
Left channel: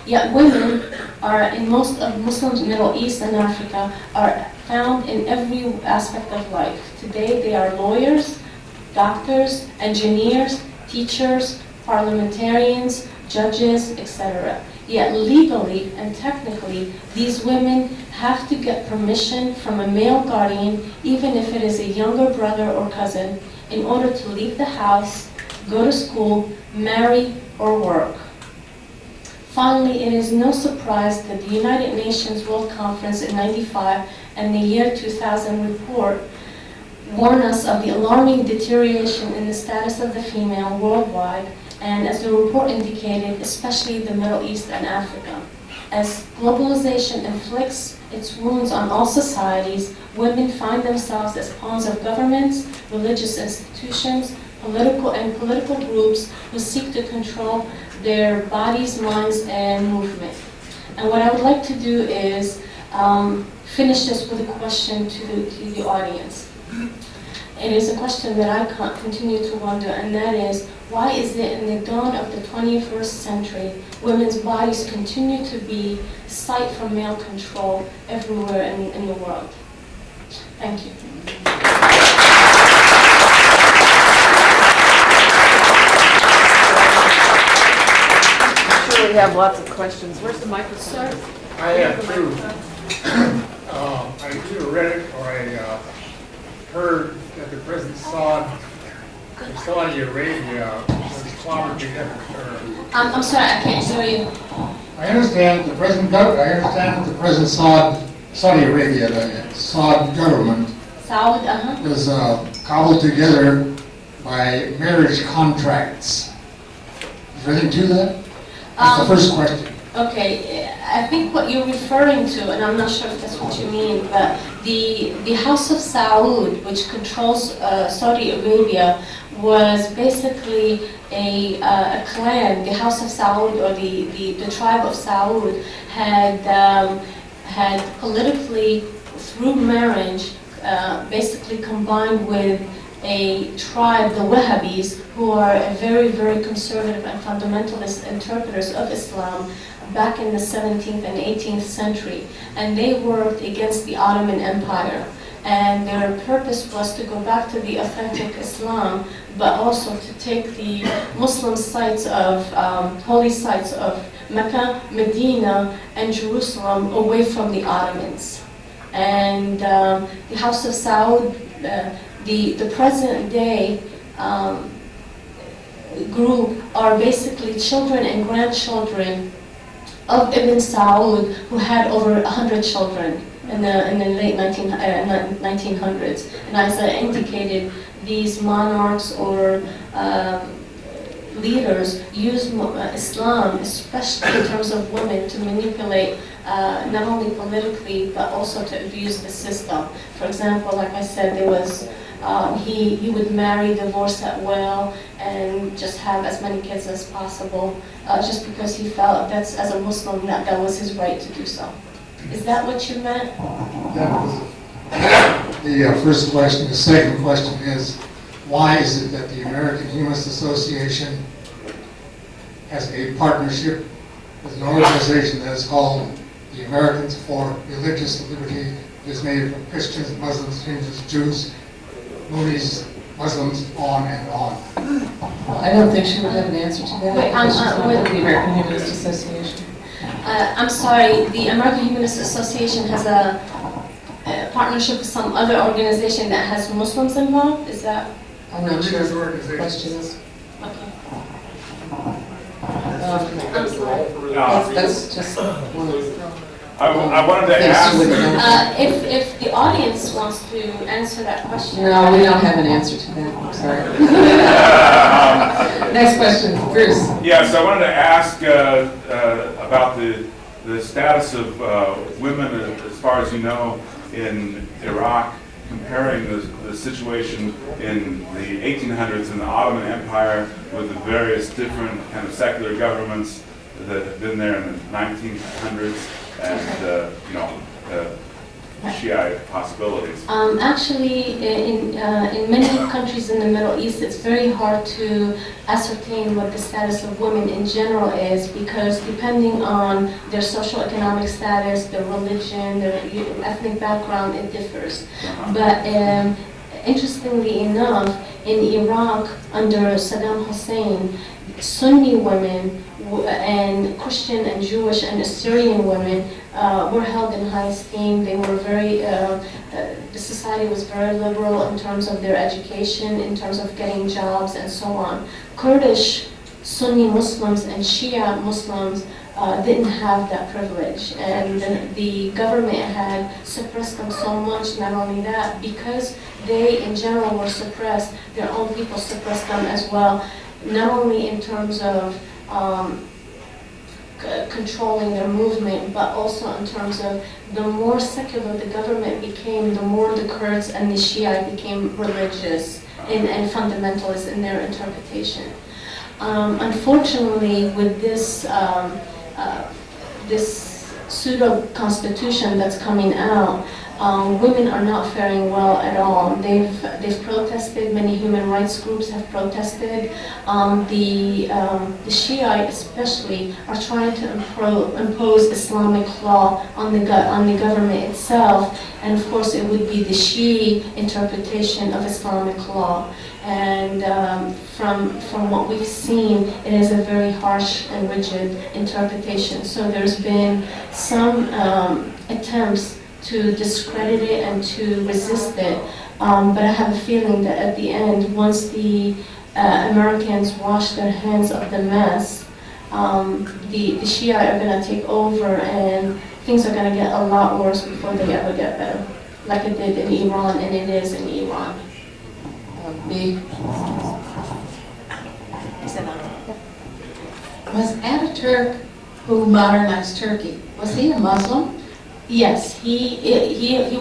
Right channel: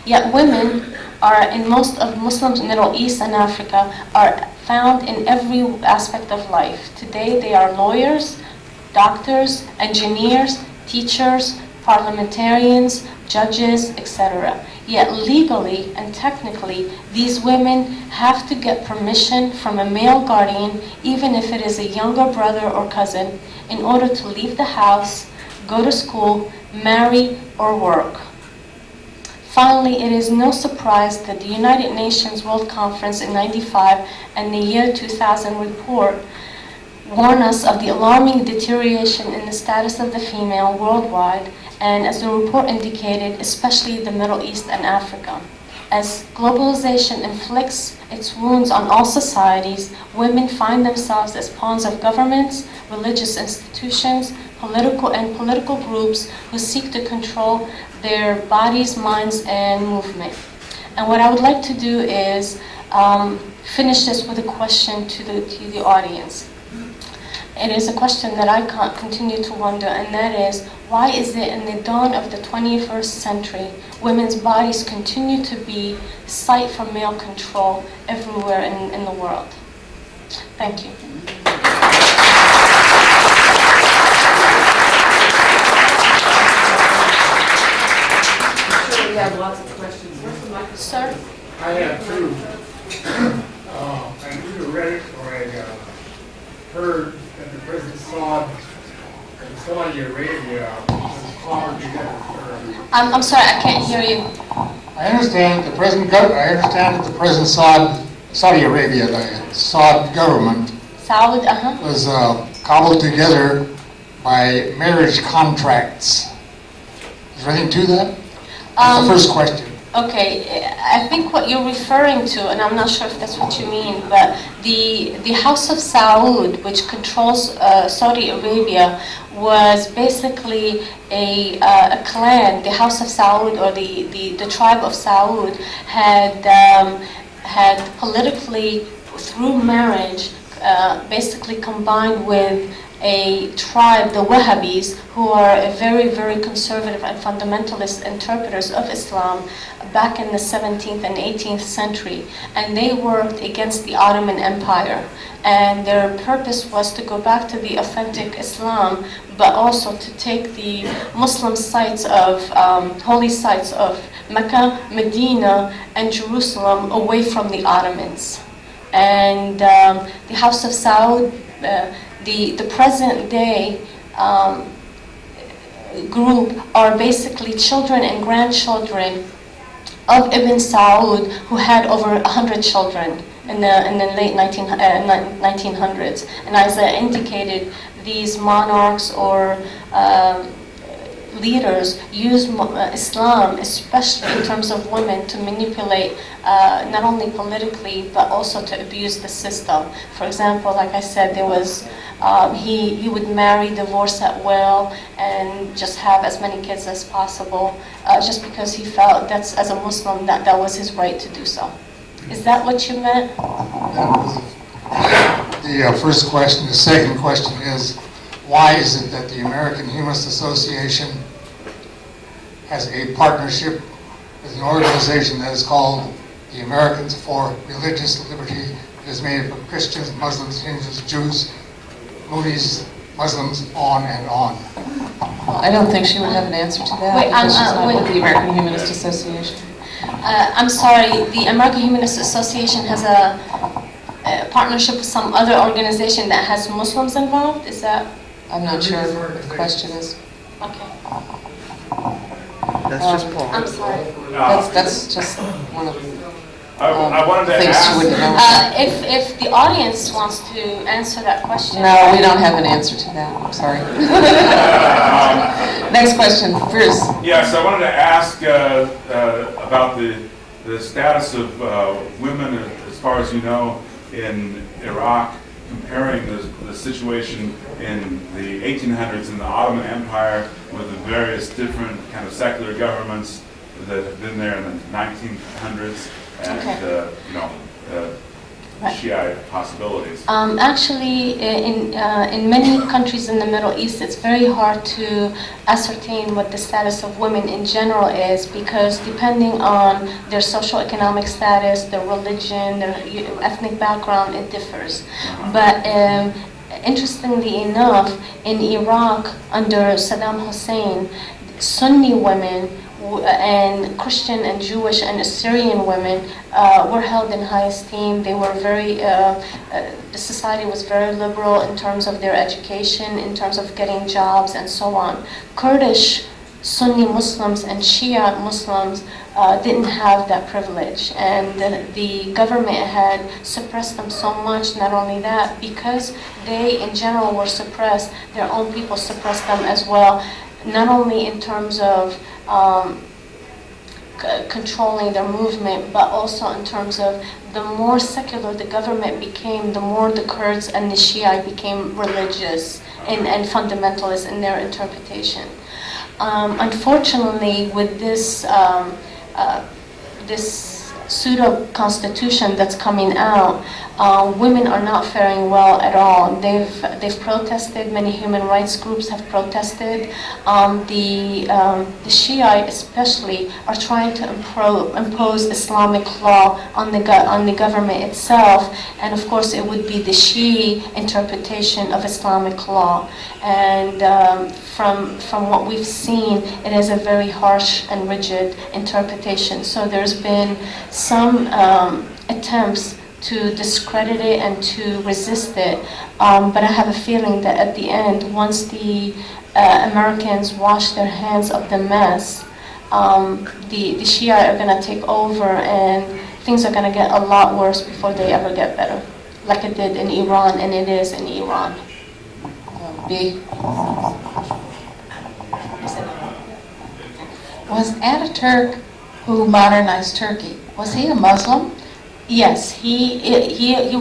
Yet women are, in most of Muslims, Middle East and Africa, are found in every aspect of life. Today they are lawyers, doctors, engineers, teachers, parliamentarians, judges, etc. Yet legally and technically, these women have to get permission from a male guardian, even if it is a younger brother or cousin, in order to leave the house, go to school, marry, or work. Finally, it is no surprise that the United Nations World Conference in '95 and the year 2000 report warn us of the alarming deterioration in the status of the female worldwide, and as the report indicated, especially the Middle East and Africa. As globalization inflicts its wounds on all societies, women find themselves as pawns of governments, religious institutions, political groups who seek to control their bodies, minds, and movement. And what I would like to do is finish this with a question to the audience. It is a question that I can't continue to wonder, and that is, why is it in the dawn of the 21st century, women's bodies continue to be site for male control everywhere in the world? Thank you. We have lots of questions. Where's the microphone? Sir? I have two. I either read it or I heard that the President Saud in Saudi Arabia was poverty. I'm sorry, I can't hear you. I understand the President Saudi Arabia, the Saud government, Saud, was cobbled together by marriage contracts. Is there anything to that? That's the first question. Okay, I think what you're referring to, and I'm not sure if that's what you mean, but the House of Saud, which controls Saudi Arabia, was basically a clan. The House of Saud, or the tribe of Saud, had politically, through marriage, basically combined with a tribe, the Wahhabis, who are a very, very conservative and fundamentalist interpreters of Islam back in the 17th and 18th century. And they worked against the Ottoman Empire. And their purpose was to go back to the authentic Islam, but also to take the Muslim sites of, holy sites of Mecca, Medina, and Jerusalem away from the Ottomans. And the House of Saud, the present day group are basically children and grandchildren of Ibn Saud, who had over 100 children in the late 1900s. And as I indicated, these monarchs or leaders use Islam, especially in terms of women, to manipulate not only politically but also to abuse the system. For example, like I said, there was he would marry, divorce at will, and just have as many kids as possible, just because he felt that's, as a Muslim, that was his right to do so. Is that what you meant? The first question. The second question is, why is it that the American Humanist Association has a partnership with an organization that is called the Americans for Religious Liberty? It is made up of Christians, Muslims, Hindus, Jews, Moonies, Muslims, on and on. Well, I don't think she would have an answer to that Wait, because she's not wait. with the American Humanist Association. I'm sorry, the American Humanist Association has a partnership with some other organization that has Muslims involved? Is that? I'm not sure what the question is. Okay. I'm sorry. That's just one of the I wanted to things she wouldn't ask. know. If the audience wants to answer that question. No, we don't have an answer to that. I'm sorry. Next question, Bruce. Yes, I wanted to ask about the status of women, as far as you know, in Iraq, comparing the situation in the 1800s in the Ottoman Empire with the various different kind of secular governments that have been there in the 1900s, and Shiite possibilities. Actually, in many countries in the Middle East, it's very hard to ascertain what the status of women in general is, because depending on their socioeconomic status, their religion, their ethnic background, it differs. But interestingly enough, in Iraq, under Saddam Hussein, Sunni women and Christian and Jewish and Assyrian women were held in high esteem. They were very, the society was very liberal in terms of their education, in terms of getting jobs and so on. Kurdish Sunni Muslims and Shia Muslims didn't have that privilege, and the government had suppressed them so much. Not only that, because they in general were suppressed, their own people suppressed them as well, not only in terms of controlling their movement, but also in terms of the more secular the government became, the more the Kurds and the Shia became religious and fundamentalist in their interpretation. Unfortunately, with this this pseudo-constitution that's coming out, women are not faring well at all. They've protested. Many human rights groups have protested. The Shiite especially are trying to impose Islamic law on the government itself, and of course it would be the Shi'i interpretation of Islamic law. And from what we've seen, it is a very harsh and rigid interpretation. So there's been some attempts to discredit it and to resist it, but I have a feeling that at the end, once the Americans wash their hands of the mess, the Shia are going to take over, and things are going to get a lot worse before they ever get better, like it did in Iran, and it is in Iran. B. Was Ataturk, who modernized Turkey, was he a Muslim? Yes, he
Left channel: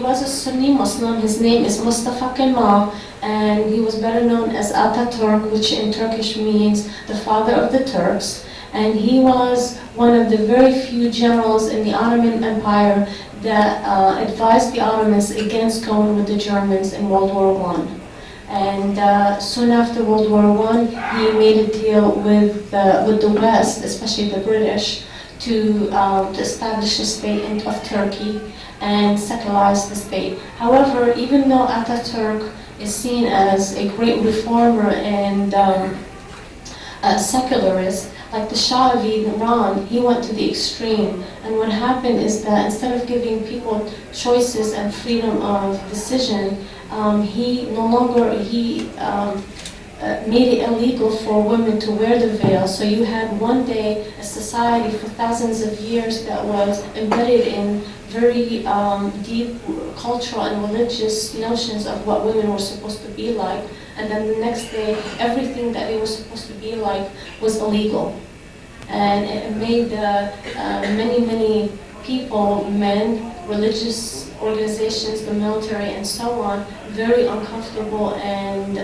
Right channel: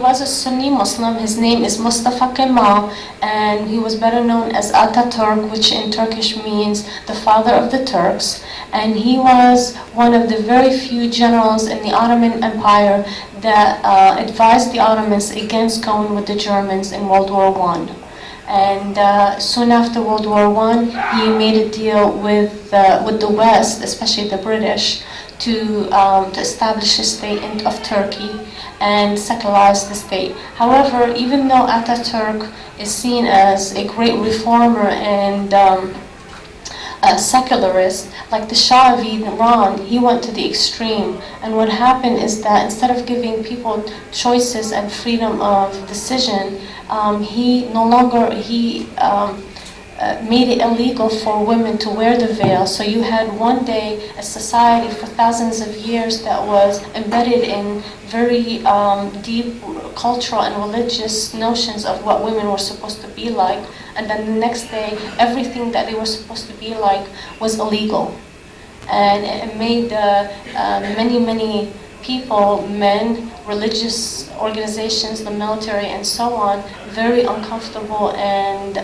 was a Sunni Muslim. His name is Mustafa Kemal, and he was better known as Ataturk, which in Turkish means the father of the Turks. And he was one of the very few generals in the Ottoman Empire that advised the Ottomans against going with the Germans in World War I. And soon after World War I, he made a deal with the West, especially the British, to establish a state of Turkey and secularize the state. However, even though Ataturk is seen as a great reformer and a secularist, like the Shah of Iran, he went to the extreme. And what happened is that instead of giving people choices and freedom of decision, he made it illegal for women to wear the veil. So you had one day a society for thousands of years that was embedded in very deep cultural and religious notions of what women were supposed to be like. And then the next day, everything that they were supposed to be like was illegal. And it made many people, men, religious organizations, the military, and so on, very uncomfortable, and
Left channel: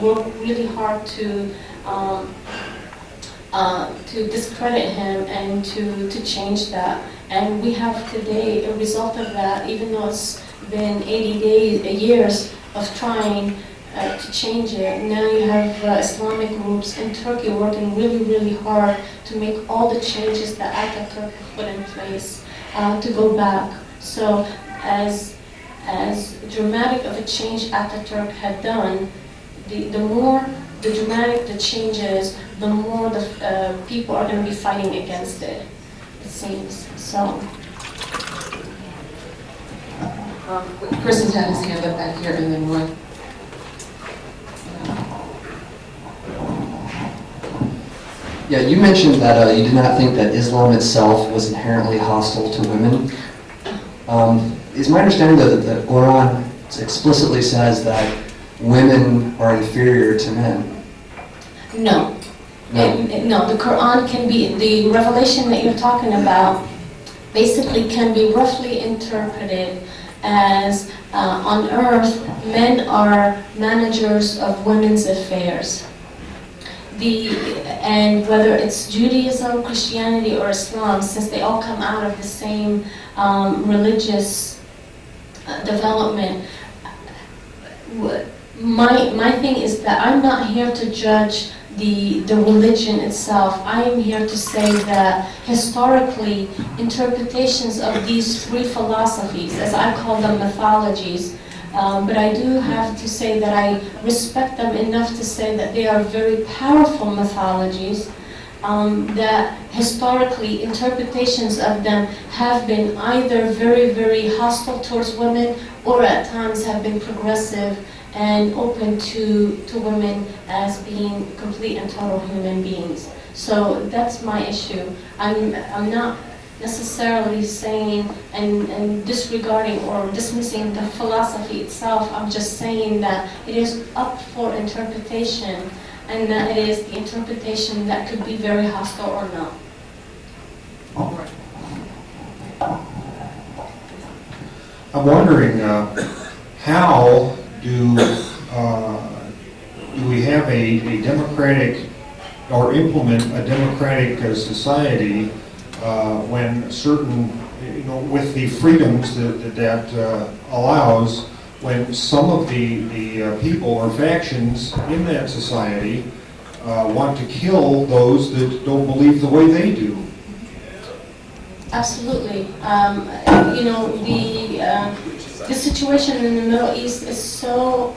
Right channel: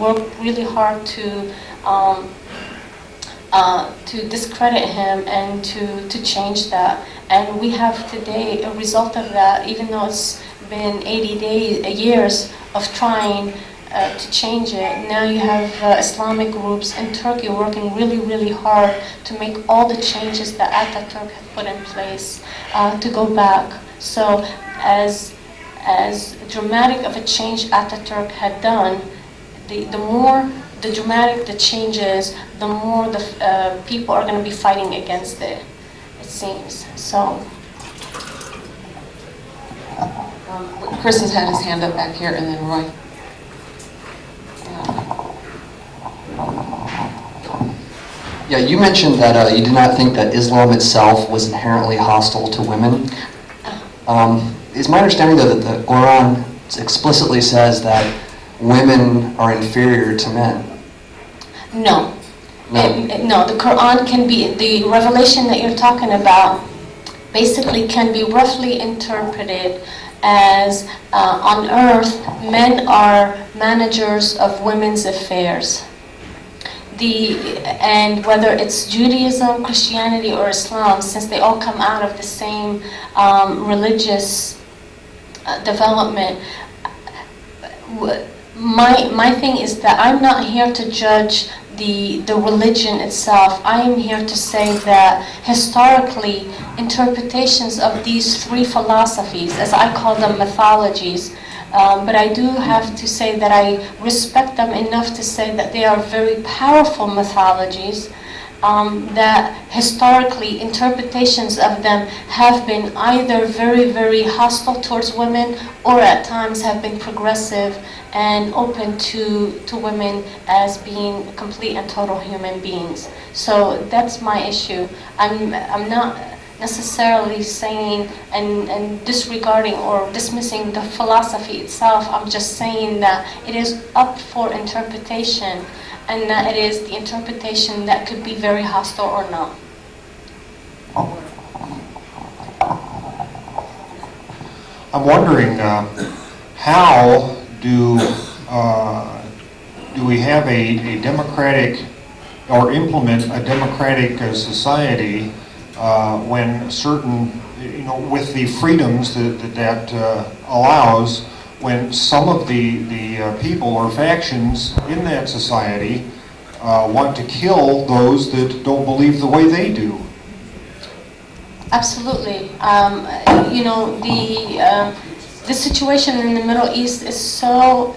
worked really hard to discredit him and to change that. And we have today a result of that, even though it's been 80 years of trying. to change it. Now you have Islamic groups in Turkey working really, really hard to make all the changes that Ataturk had put in place to go back. So as dramatic of a change Ataturk had done, the more the dramatic the change is, the more the people are going to be fighting against it, it seems. So. Chris has had his hand up back here, and then Roy. Yeah, you mentioned that you did not think that Islam itself was inherently hostile to women. It's my understanding that the Quran explicitly says that women are inferior to men. No. No. No, the Quran can be, the revelation that you're talking about basically can be roughly interpreted as on earth, men are managers of women's affairs. And whether it's Judaism, Christianity, or Islam, since they all come out of the same religious development, my thing is that I'm not here to judge the religion itself. I am here to say that historically, interpretations of these three philosophies, as I call them mythologies, but I do have to say that I respect them enough to say that they are very powerful mythologies, that historically interpretations of them have been either very, very hostile towards women or at times have been progressive and open to women as being complete and total human beings. So that's my issue. I'm not necessarily saying and disregarding or dismissing the philosophy itself. I'm just saying that it is up for interpretation, and that it is the interpretation that could be very hostile or not. I'm wondering how do we have a democratic or implement a democratic society when certain, with the freedoms that allows, when some of the people or factions in that society want to kill those that don't believe the way they do? Absolutely. The situation in the Middle East is so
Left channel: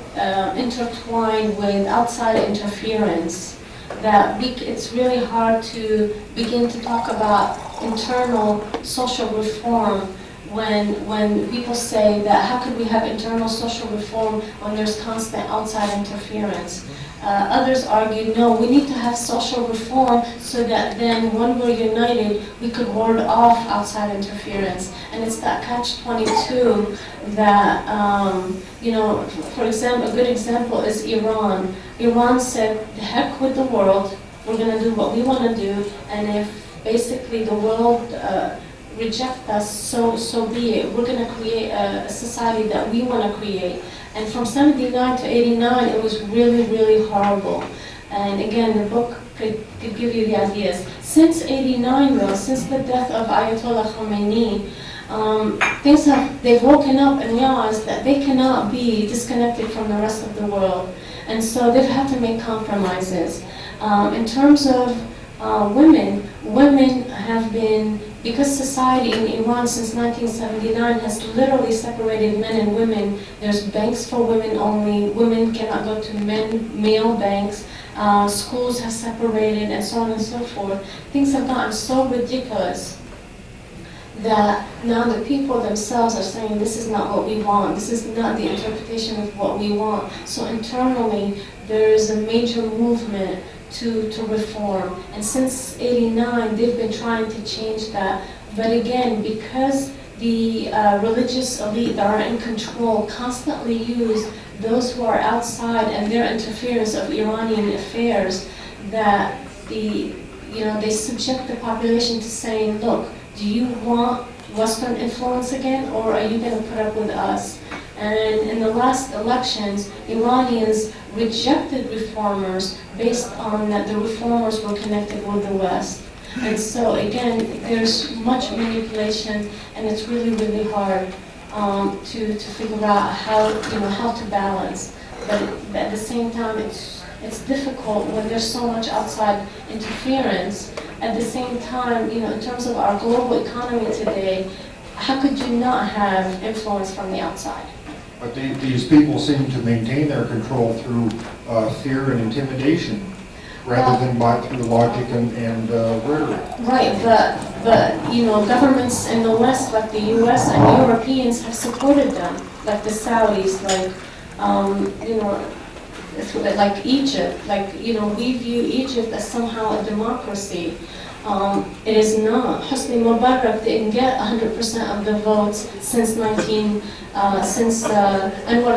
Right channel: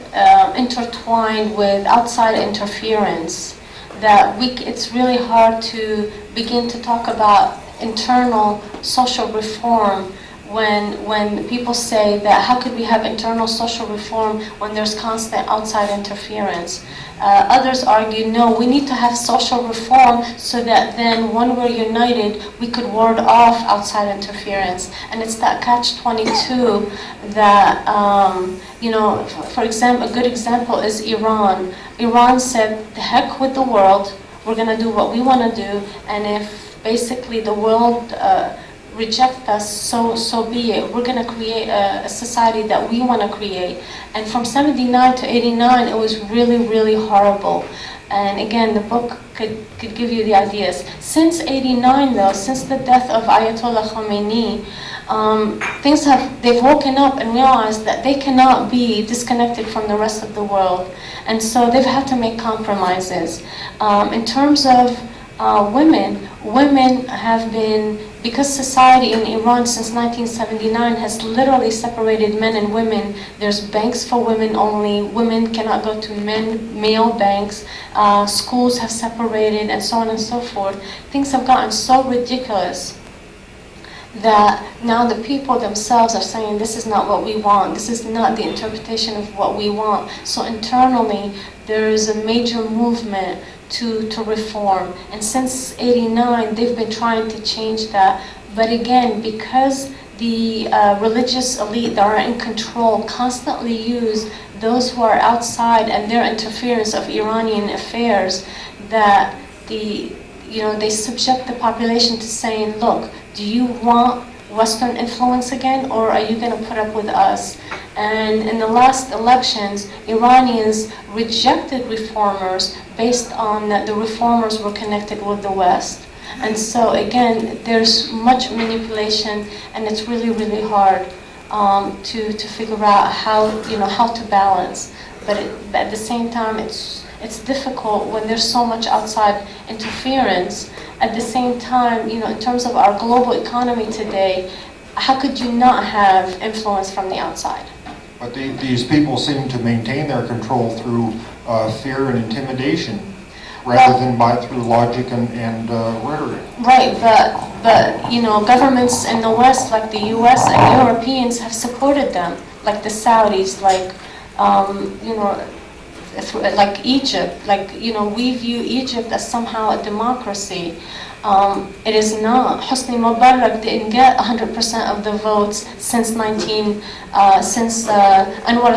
intertwined with outside interference that it's really hard to begin to talk about internal social reform when people say that how could we have internal social reform when there's constant outside interference. Others argue, no, we need to have social reform so that then when we're united, we could ward off outside interference. And it's that catch-22 that, for example, a good example is Iran. Iran said, the heck with the world, we're going to do what we want to do, and if basically the world reject us, so be it. We're going to create a society that we want to create. And from 79 to 89, it was really, really horrible. And again, the book could give you the ideas. Since 89, though, since the death of Ayatollah Khomeini, they've woken up and realized that they cannot be disconnected from the rest of the world. And so they've had to make compromises. In terms of women have been, because society in Iran since 1979 has literally separated men and women. There's banks for women only. Women cannot go to male banks. Schools have separated, and so on and so forth. Things have gotten so ridiculous that now the people themselves are saying, this is not what we want. This is not the interpretation of what we want. So internally, there is a major movement to reform. And since 89, they've been trying to change that. But again, because the religious elite that are in control constantly use those who are outside and their interference of Iranian affairs, that they subject the population to saying, look, do you want Western influence again, or are you going to put up with us? And in the last elections, Iranians rejected reformers based on that the reformers were connected with the West. And so again, there's much manipulation, and it's really, really hard to figure out how to balance. but at the same time, it's difficult when there's so much outside interference. At the same time, you know, in terms of our global economy today, how could you not have influence from the outside? But these people seem to maintain their control through fear and intimidation, rather than through logic and rhetoric. Right, but you know, governments in the West, like the U.S. and Europeans, have supported them, like the Saudis, like you know, like Egypt. Like, you know, we view Egypt as somehow a democracy. It is not. Hosni Mubarak didn't get 100% of the votes since Anwar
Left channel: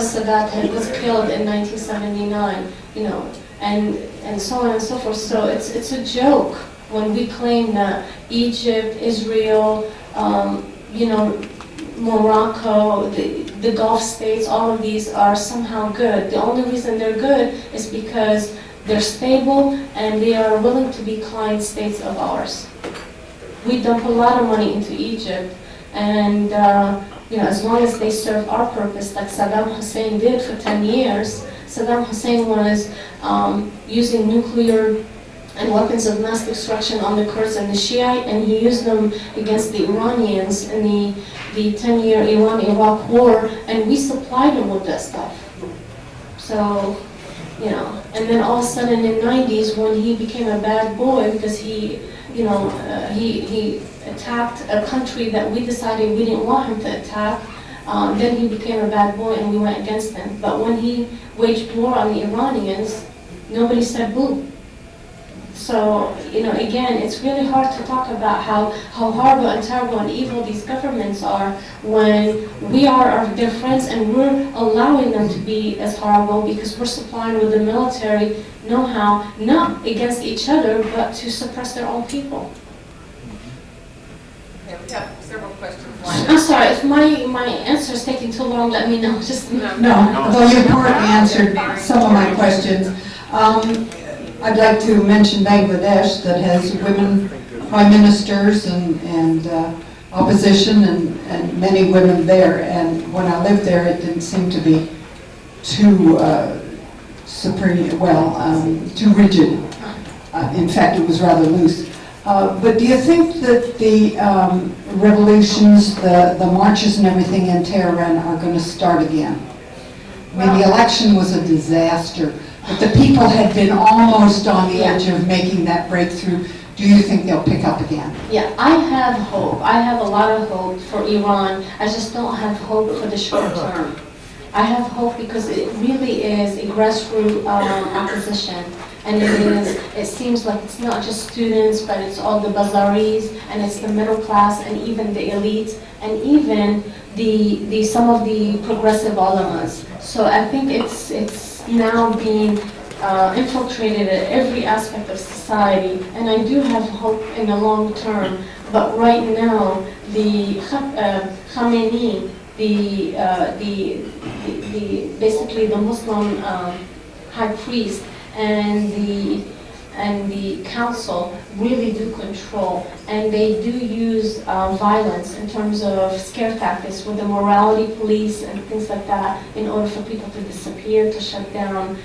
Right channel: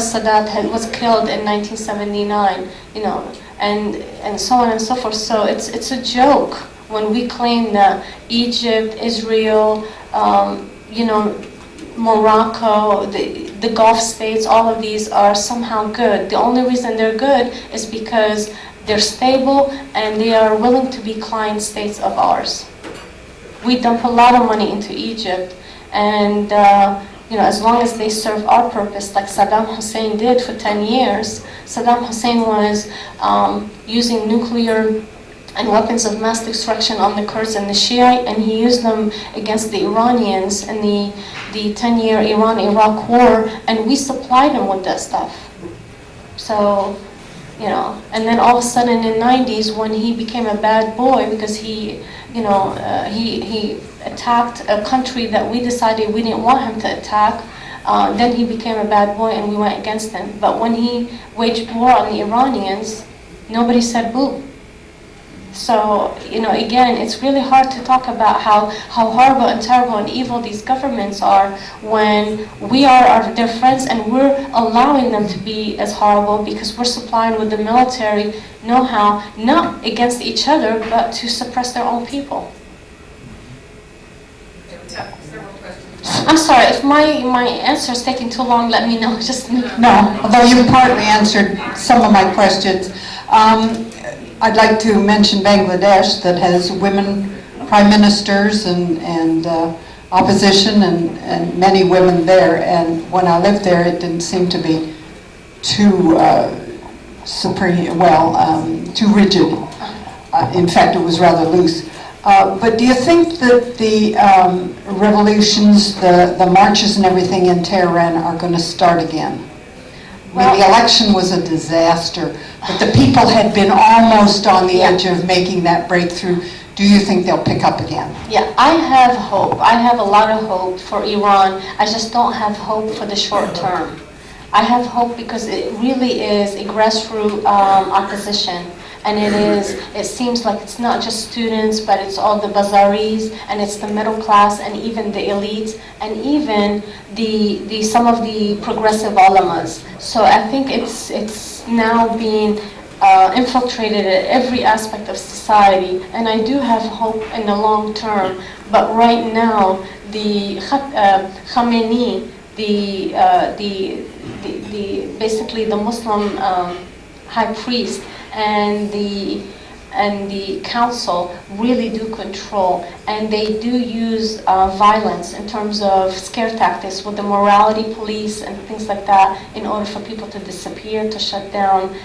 Sadat was killed in 1979. You know, and so on and so forth. So it's a joke when we claim that Egypt, Israel, you know, Morocco, the Gulf states, all of these are somehow good. The only reason they're good is because they're stable and they are willing to be client states of ours. We dump a lot of money into Egypt, and you know, as long as they serve our purpose, like Saddam Hussein did for 10 years. Saddam Hussein was using nuclear and weapons of mass destruction on the Kurds and the Shiite, and he used them against the Iranians in the 10-year Iran-Iraq war, and we supplied him with that stuff. So, you know, and then all of a sudden in the 90s, when he became a bad boy because he, you know, he attacked a country that we decided we didn't want him to attack, then he became a bad boy and we went against him. But when he waged war on the Iranians, nobody said boo. So, you know, again, it's really hard to talk about how horrible and terrible and evil these governments are when we are their friends and we're allowing them to be as horrible because we're supplying with the military know-how, not against each other, but to suppress their own people. Yeah, several questions. I'm sorry, if my answer is taking too long, let me know. Just No, although you partly answered some of my questions. I'd like to mention Bangladesh, that has women prime ministers and opposition and many women there. And when I lived there, it didn't seem to be too too rigid. In fact, it was rather loose. But do you think that the revolutions, the marches and everything in Tehran are going to start again? I mean, the election was a disaster, but the people had been almost on the edge of making that breakthrough. Do you think they'll pick up again? Yeah, I have hope. I have a lot of hope for Iran. I just don't have hope for the short term. I have hope because it really is a grassroots opposition. And it seems like it's not just students, but it's all the bazaris, and it's the middle class, and even the elites, and even some of the progressive ulamas. So I think it's now being infiltrated at every aspect of society, and I do have hope in the long term. But right now, the Khamenei, basically the Muslim high priest, and the council really do control, and they do use violence in terms of scare tactics with the morality police and things like that in order for people to disappear, to shut down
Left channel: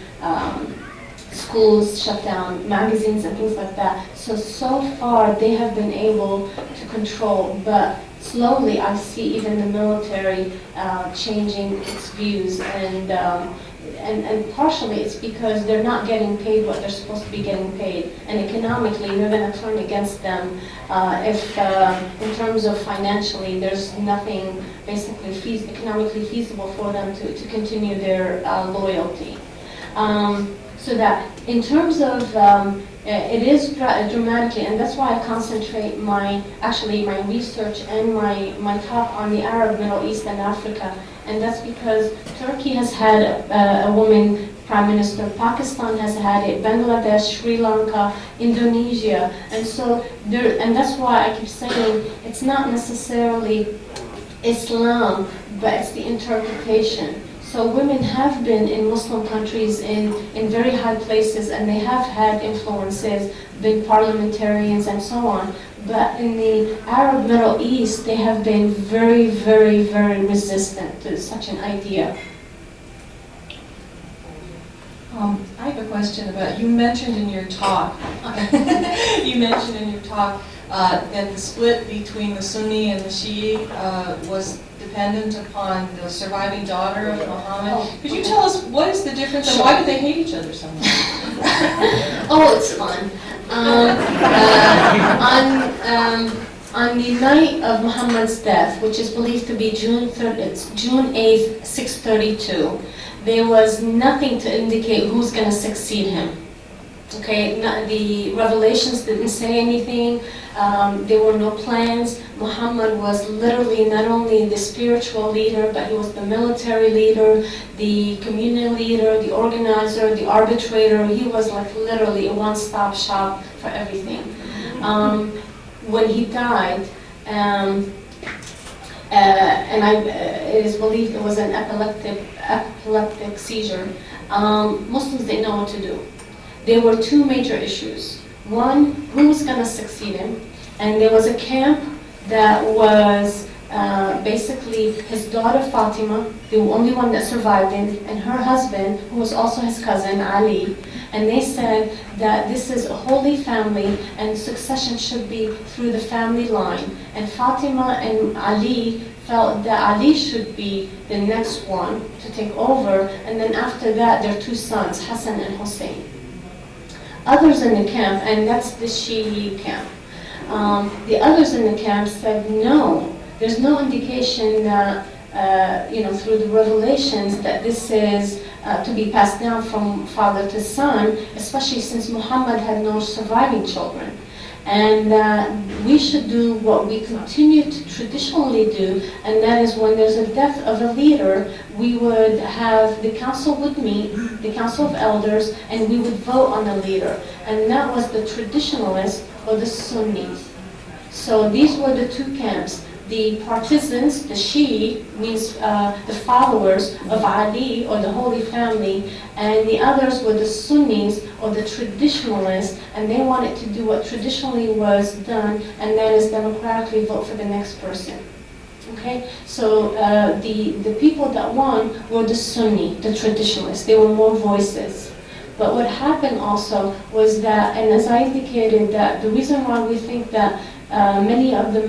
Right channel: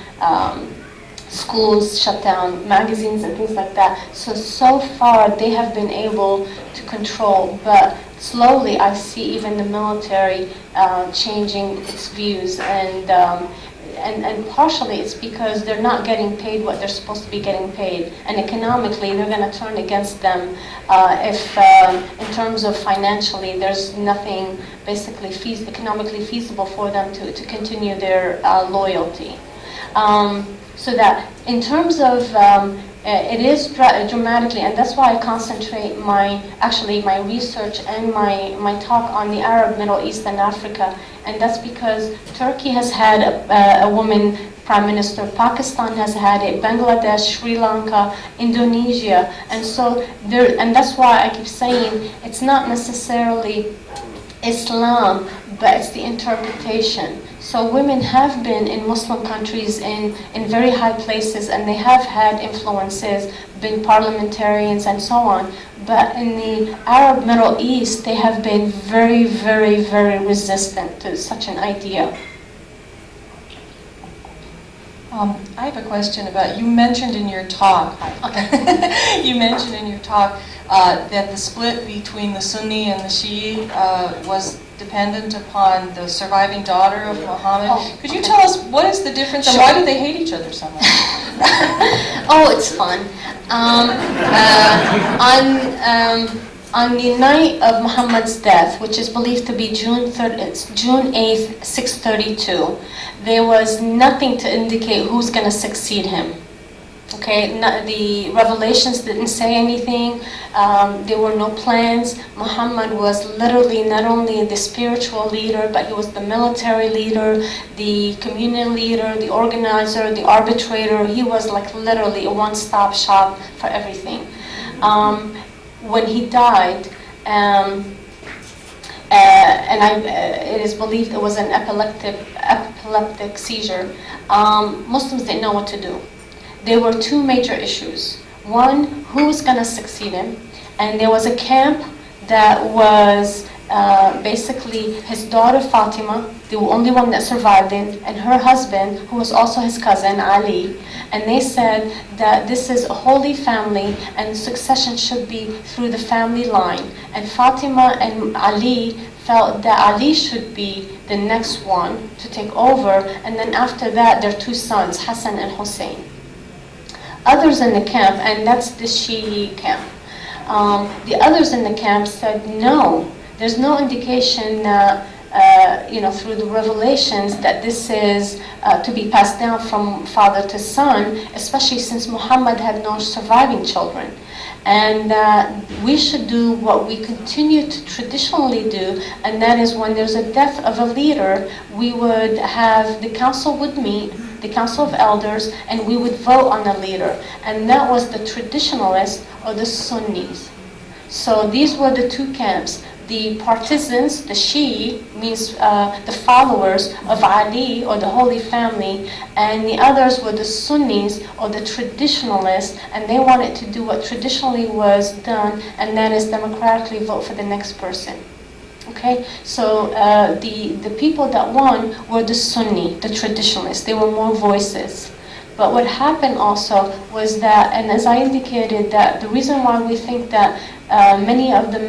schools, shut down magazines and things like that. So far they have been able to control, but slowly I see even the military changing its views, and partially it's because they're not getting paid what they're supposed to be getting paid, and economically they're going to turn against them if in terms of financially there's nothing basically economically feasible for them to continue their loyalty. So that in terms of it is dramatically, and that's why I concentrate my research and my talk on the Arab, Middle East, and Africa. And that's because Turkey has had a woman prime minister, Pakistan has had it, Bangladesh, Sri Lanka, Indonesia, and so there. And that's why I keep saying it's not necessarily Islam, but it's the interpretation. So women have been in Muslim countries in very high places, and they have had influences, been parliamentarians and so on. But in the Arab Middle East, they have been very, very, very resistant to such an idea. I have a question about, you mentioned in your talk, you mentioned in your talk that the split between the Sunni and the Shi'i was dependent upon the surviving daughter of Muhammad. Could you tell us what is the difference and why do they hate each other so much? Oh, it's fun. On the night of Muhammad's death, which is believed to be June 8th, 632, there was nothing to indicate who's going to succeed him. Okay, the revelations didn't say anything. There were no plans. Muhammad was literally not only the spiritual leader, but he was the military leader, the communal leader, the organizer, the arbitrator. He was like literally a one-stop shop for everything. When he died, it is believed it was an epileptic seizure, Muslims didn't know what to do. There were two major issues. One, who's going to succeed him? And there was a camp that was basically his daughter Fatima, the only one that survived him, and her husband, who was also his cousin, Ali. And they said that this is a holy family and succession should be through the family line. And Fatima and Ali felt that Ali should be the next one to take over, and then after that, their two sons, Hassan and Hussein. Others in the camp, and that's the Shi'i camp, the others in the camp said no. There's no indication that, through the revelations that this is to be passed down from father to son, especially since Muhammad had no surviving children. And we should do what we continue to traditionally do, and that is when there's a death of a leader, we would have the council would meet, the council of elders, and we would vote on the leader. And that was the traditionalists or the Sunnis. So these were the two camps. The partisans, the Shi'i, means the followers of Ali or the Holy Family, and the others were the Sunnis or the traditionalists, and they wanted to do what traditionally was done, and that is democratically vote for the next person. Okay, so the people that won were the Sunni, the traditionalists. They were more voices. But what happened also was that, and as I indicated, that the reason why we think that many of the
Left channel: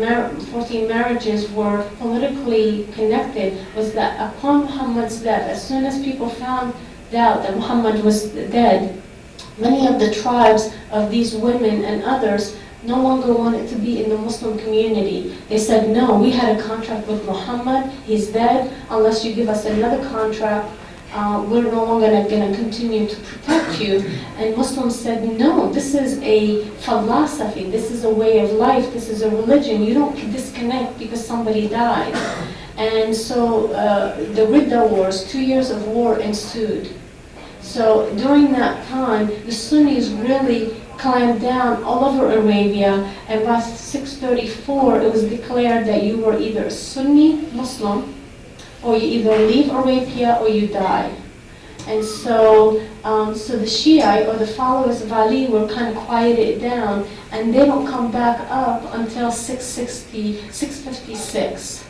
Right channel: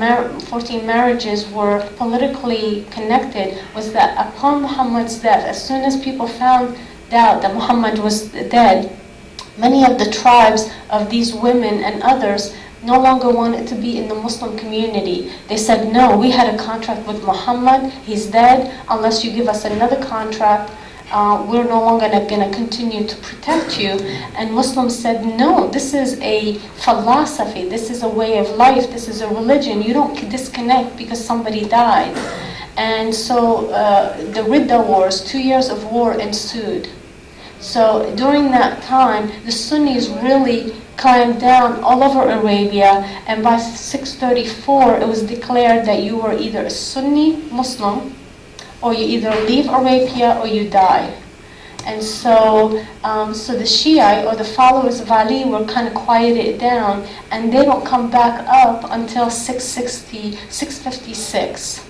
14 marriages were politically connected was that upon Muhammad's death, as soon as people found out that Muhammad was dead, many of the tribes of these women and others no longer wanted to be in the Muslim community. They said, no, we had a contract with Muhammad, he's dead, unless you give us another contract, we're no longer going to continue to protect you. And Muslims said, no, this is a philosophy, this is a way of life, this is a religion. You don't disconnect because somebody died. And so the Ridda Wars, 2 years of war ensued. So during that time, the Sunnis really climbed down all over Arabia, and by 634, it was declared that you were either a Sunni Muslim, or you either leave Arabia or you die. And so, the Shiite or the followers of Ali were kind of quieted down, and they don't come back up until 656.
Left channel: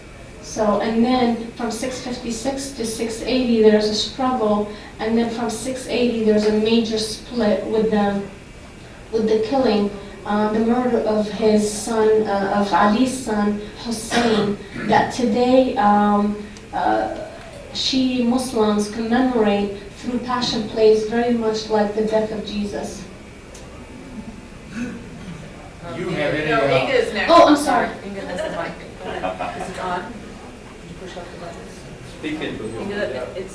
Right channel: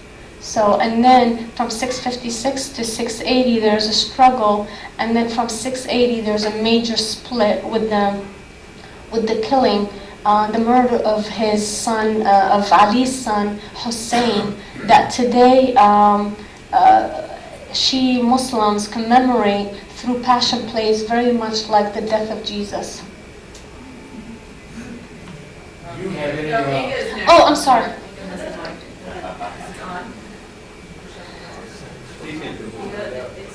So, and then from 656 to 680, there's a struggle, and then from 680, there's a major split with the killing, the murder of his son, of Ali's son, Hussein, that today, Shi'i Muslims commemorate through passion plays very much like the death of Jesus. Oh, I'm sorry.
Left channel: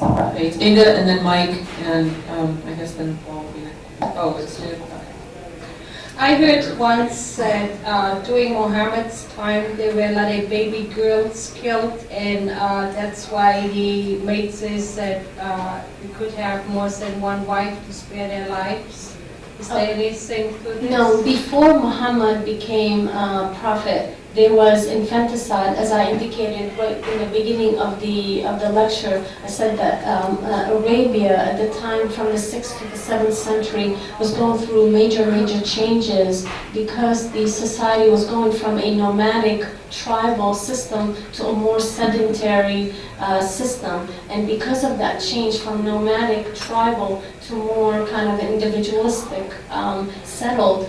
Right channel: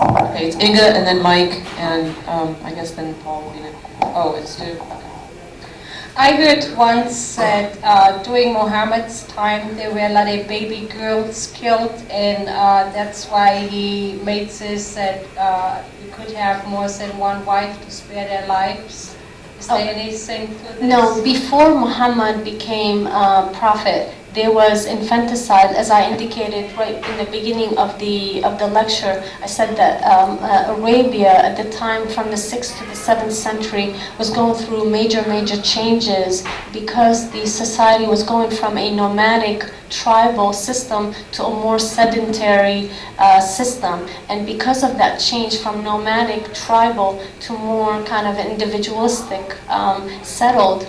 Okay, it's Inga and then Mike and I guess then Paul will be next. Oh, it's two. Okay. I heard once that during Muhammad's time there were a lot of baby girls killed, and that's why he made this that you could have more than one wife to spare their lives. Is there anything to this? No, before Muhammad became prophet, there was infanticide, as I indicated right in the beginning of the lecture. I said that Arabia at the time from the 6th to the 7th century was going through major changes because the society was going from a nomadic tribal system to a more sedentary system. And because of that change from nomadic tribal to more kind of individualistic settled,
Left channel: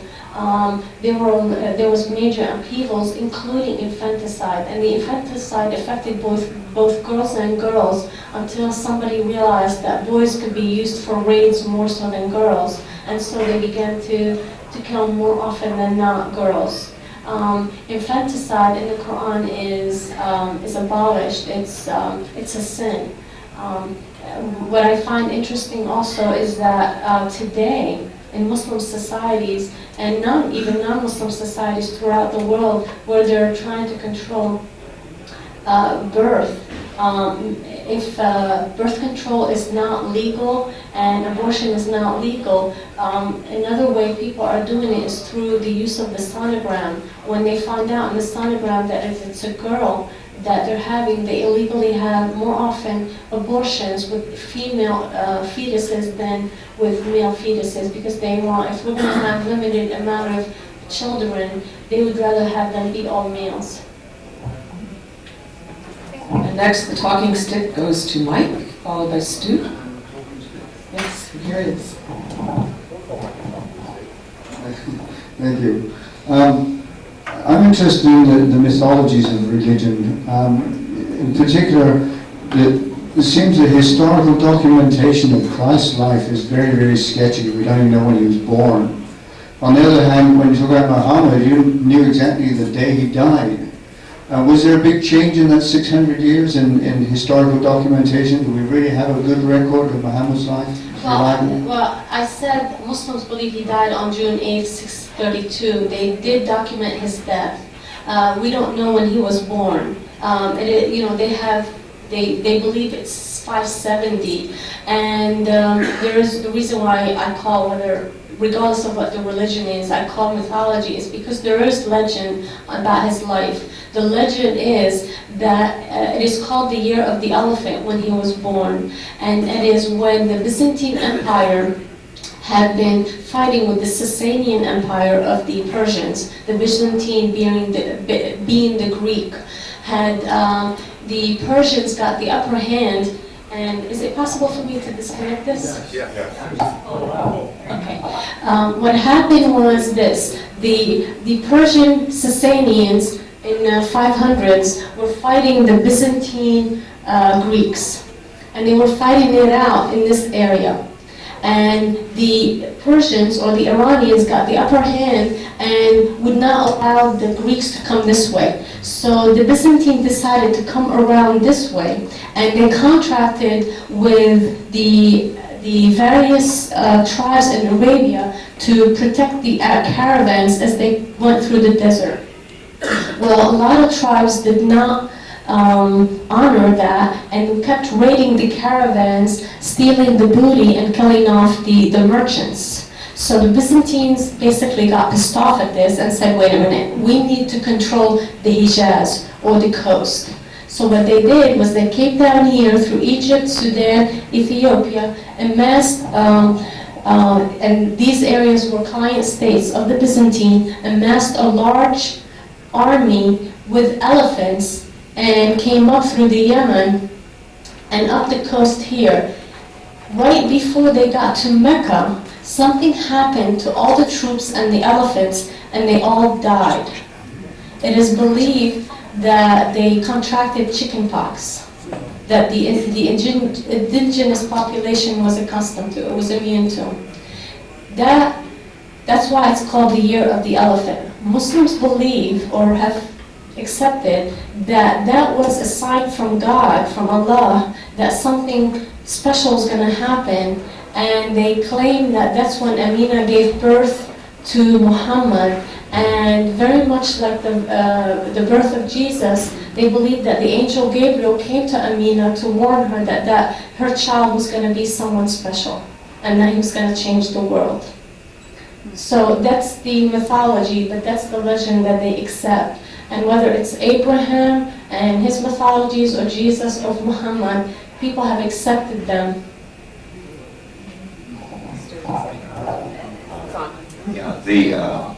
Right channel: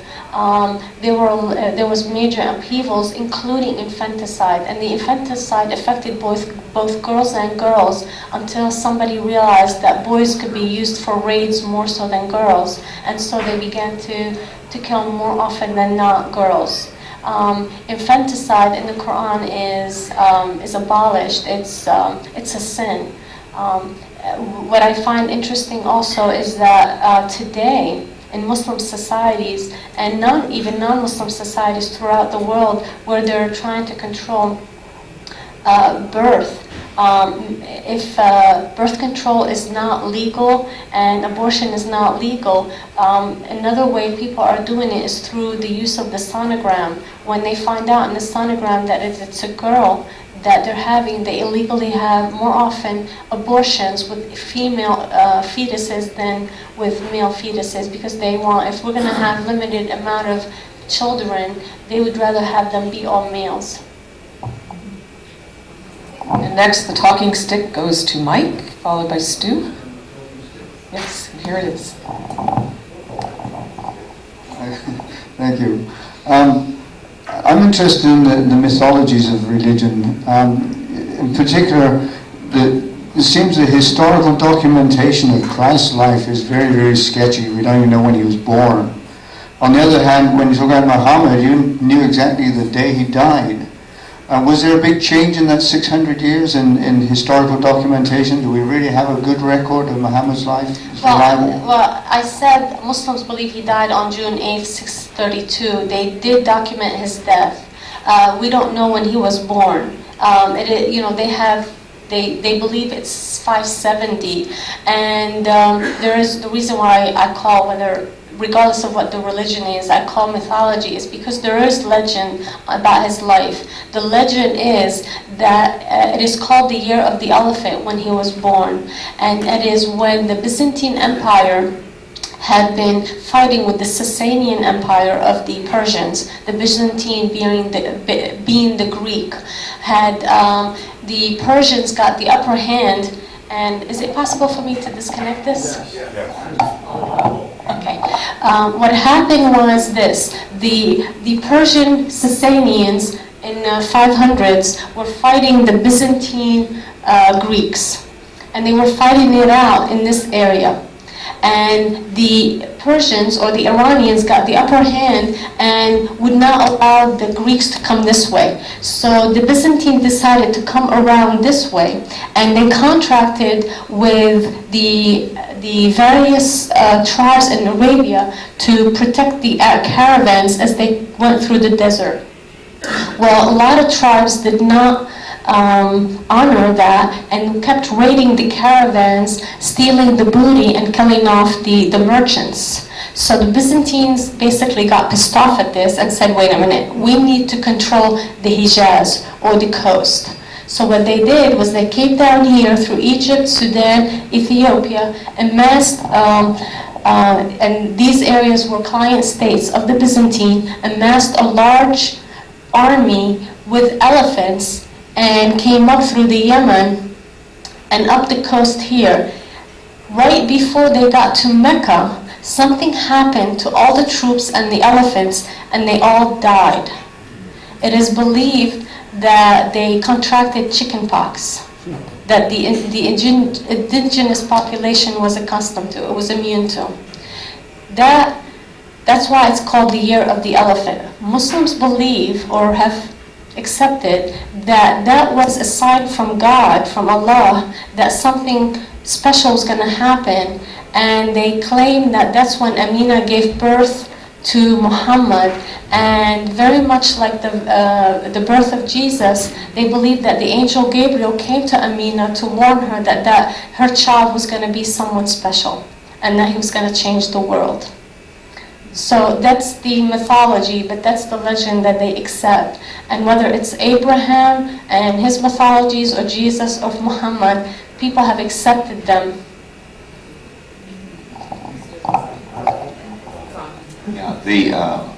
there was major upheavals, including infanticide. And the infanticide affected both girls and girls until somebody realized that boys could be used for raids more so than girls. And so they began to kill more often than not girls. Infanticide in the Quran is abolished. It's a sin. What I find interesting also is that today in Muslim societies and even non-Muslim societies throughout the world, where they're trying to control birth. If birth control is not legal and abortion is not legal, another way people are doing it is through the use of the sonogram. When they find out in the sonogram that it's a girl that they're having, they illegally have more often abortions with female fetuses than with male fetuses, because they want, if we're going to have limited amount of children, they would rather have them be all males. And next, the talking stick goes to Mike, followed by Stu. Yes, here it is. Thank you. I'm interested in the mythologies of religion. In particular, it seems the historical documentation of Christ's life is very, very sketchy. We don't even know when he was born. On the other hand, when you talk about Muhammad, you knew exactly the day he died. Was there a big change in that 600 years in historical documentation? Do we really have a good record of Muhammad's life? Well, I said Muslims believe he died on June 8, 632. They did document his death. We don't know when he was born. They believe it's 570, and there is the reason why I call, regardless of what the religion is, I call mythology, is because there is legend about his life. The legend is that it is called the year of the elephant when he was born, and it is when the Byzantine Empire had been fighting with the Sasanian Empire of the Persians, the Byzantine being the Greek. The Persians got the upper hand. And is it possible for me to disconnect this? Yes. Okay. What happened was this: the Persian Sasanians in 500s were fighting the Byzantine Greeks, and they were fighting it out in this area. And the Persians or the Iranians got the upper hand and would not allow the Greeks to come this way. So the Byzantine decided to come around this way, and they contracted with the various tribes in Arabia to protect the caravans as they went through the desert. Well, a lot of tribes did not honor that and kept raiding the caravans, stealing the booty and killing off the merchants. So the Byzantines basically got pissed off at this and said, wait a minute, we need to control the Hijaz, or the coast. So what they did was they came down here through Egypt, Sudan, Ethiopia, amassed, and these areas were client states of the Byzantine, amassed a large army with elephants and came up through the Yemen and up the coast here. Right before they got to Mecca, something happened to all the troops and the elephants, and they all died. It is believed that they contracted chickenpox, that the indigenous population was accustomed to, it was immune to. That's why it's called the Year of the Elephant. Muslims believe, or have accepted, that was a sign from God, from Allah, that something special is going to happen, and they claim that that's when Amina gave birth to Muhammad, and very much like the birth of Jesus, they believe that the angel Gabriel came to Amina to warn her that her child was going to be someone special, and that he was going to change the world. So that's the mythology, but that's the legend that they accept. And whether it's Abraham and his mythologies or Jesus or Muhammad, people have accepted them. Yeah,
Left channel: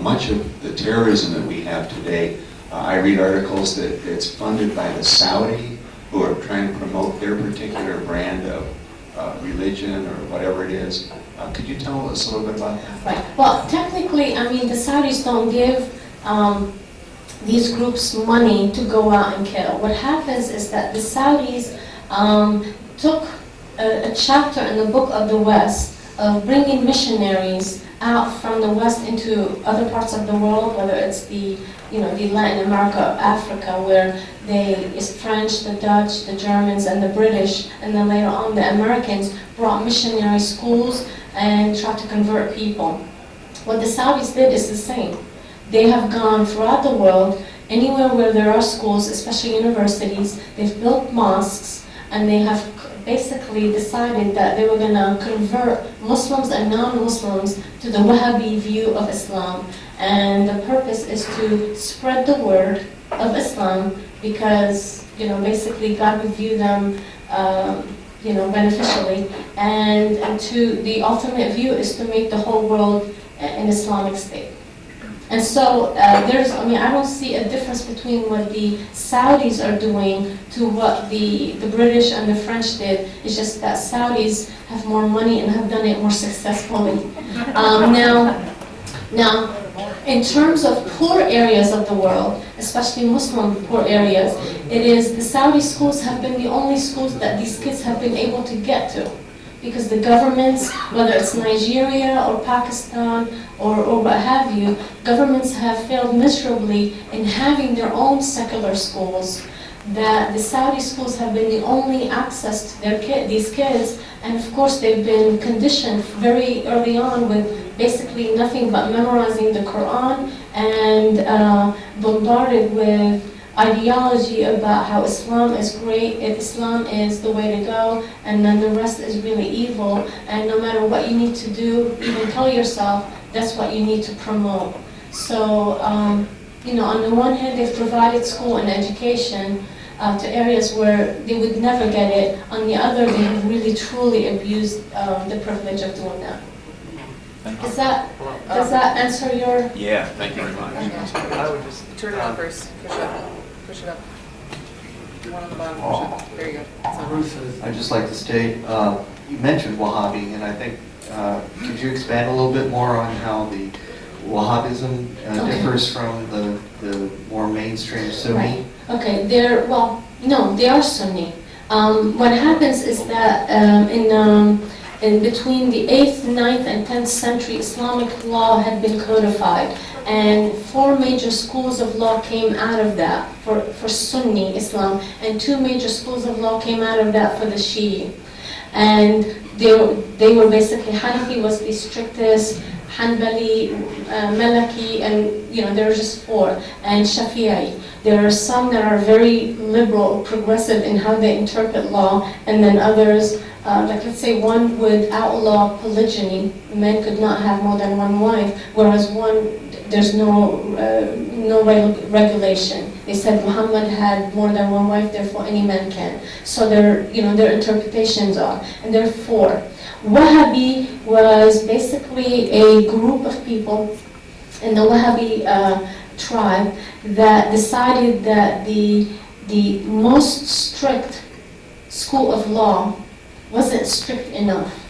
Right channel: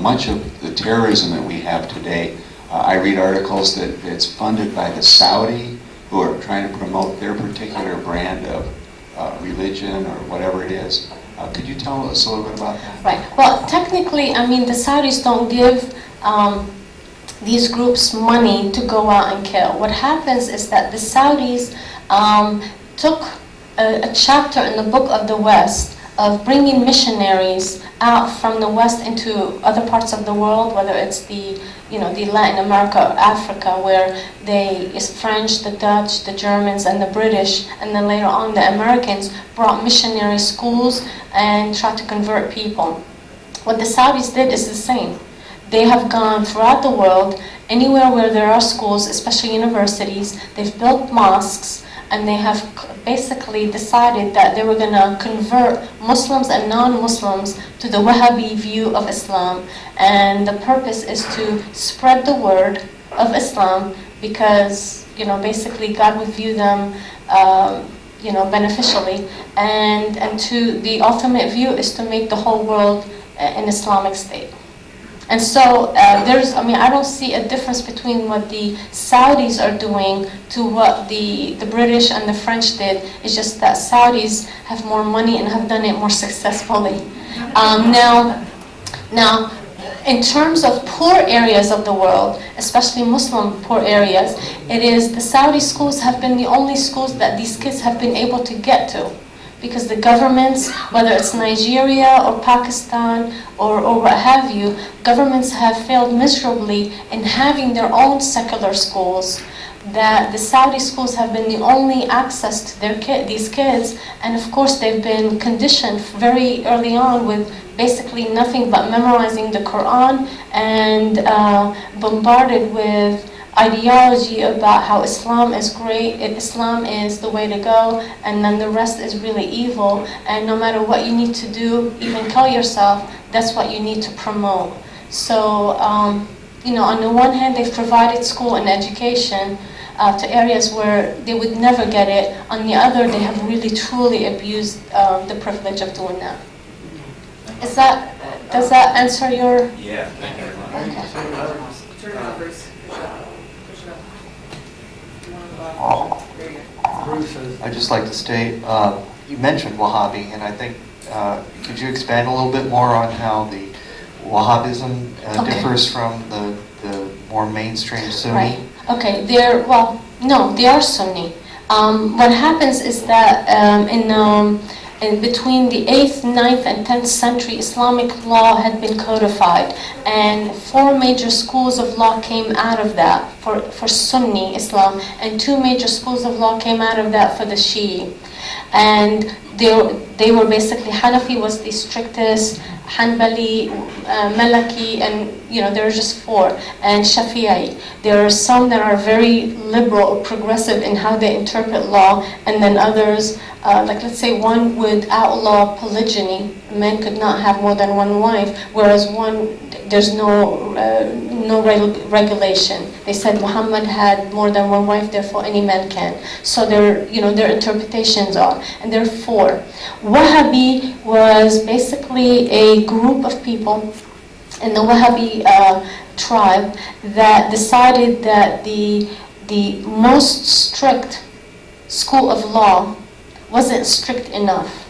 much of the terrorism that we have today I read articles that it's funded by the Saudi, who are trying to promote their particular brand of religion or whatever it is. Could you tell us a little bit about that? Right. Well, technically, I mean, the Saudis don't give these groups money to go out and kill. What happens is that the Saudis took a chapter in the Book of the West of bringing missionaries out from the West into other parts of the world, whether it's the Latin America or Africa, where it's French, the Dutch, the Germans, and the British, and then later on the Americans brought missionary schools and tried to convert people. What the Saudis did is the same. They have gone throughout the world, anywhere where there are schools, especially universities, they've built mosques, and they have basically decided that they were going to convert Muslims and non-Muslims to the Wahhabi view of Islam. And the purpose is to spread the word of Islam because, basically God would view them, beneficially. And to the ultimate view is to make the whole world an Islamic state. And so I don't see a difference between what the Saudis are doing to what the British and the French did. It's just that Saudis have more money and have done it more successfully. Now, in terms of poor areas of the world, especially Muslim poor areas, it is the Saudi schools have been the only schools that these kids have been able to get to. Because the governments, whether it's Nigeria or Pakistan or what have you, governments have failed miserably in having their own secular schools, that the Saudi schools have been the only access to these kids, and of course they've been conditioned very early on with basically nothing but memorizing the Quran and bombarded with ideology about how Islam is great, Islam is the way to go, and then the rest is really evil, and no matter what you need to do, even kill yourself, that's what you need to promote. So, on the one hand, they've provided school and education to areas where they would never get it. On the other, they have really truly abused the privilege of doing that. Does that answer your? Yeah, thank you very much. Turn it over. I'd just like to state, you mentioned Wahhabi, and I think, could you expand a little bit more on how the Wahhabism differs from the more mainstream Sunni? Right. Okay, they are Sunni. What happens is that in between the 8th, 9th, and 10th century, Islamic law had been codified, and 4 major schools of law came out of that for Sunni Islam, and 2 major schools of law came out of that for the Shi'i. And they were basically, Hanafi was the strictest, Hanbali, Maliki, and there are just 4, and Shafi'i. There are some that are very liberal or progressive in how they interpret law, and then others, like let's say one would outlaw polygyny. Men could not have more than 1 wife, whereas there's no regulation. They said Muhammad had more than 1 wife, therefore any man can. So their interpretations are, and there are 4. Wahhabi was basically a group of people in the Wahhabi tribe that decided that the most strict school of law wasn't strict enough,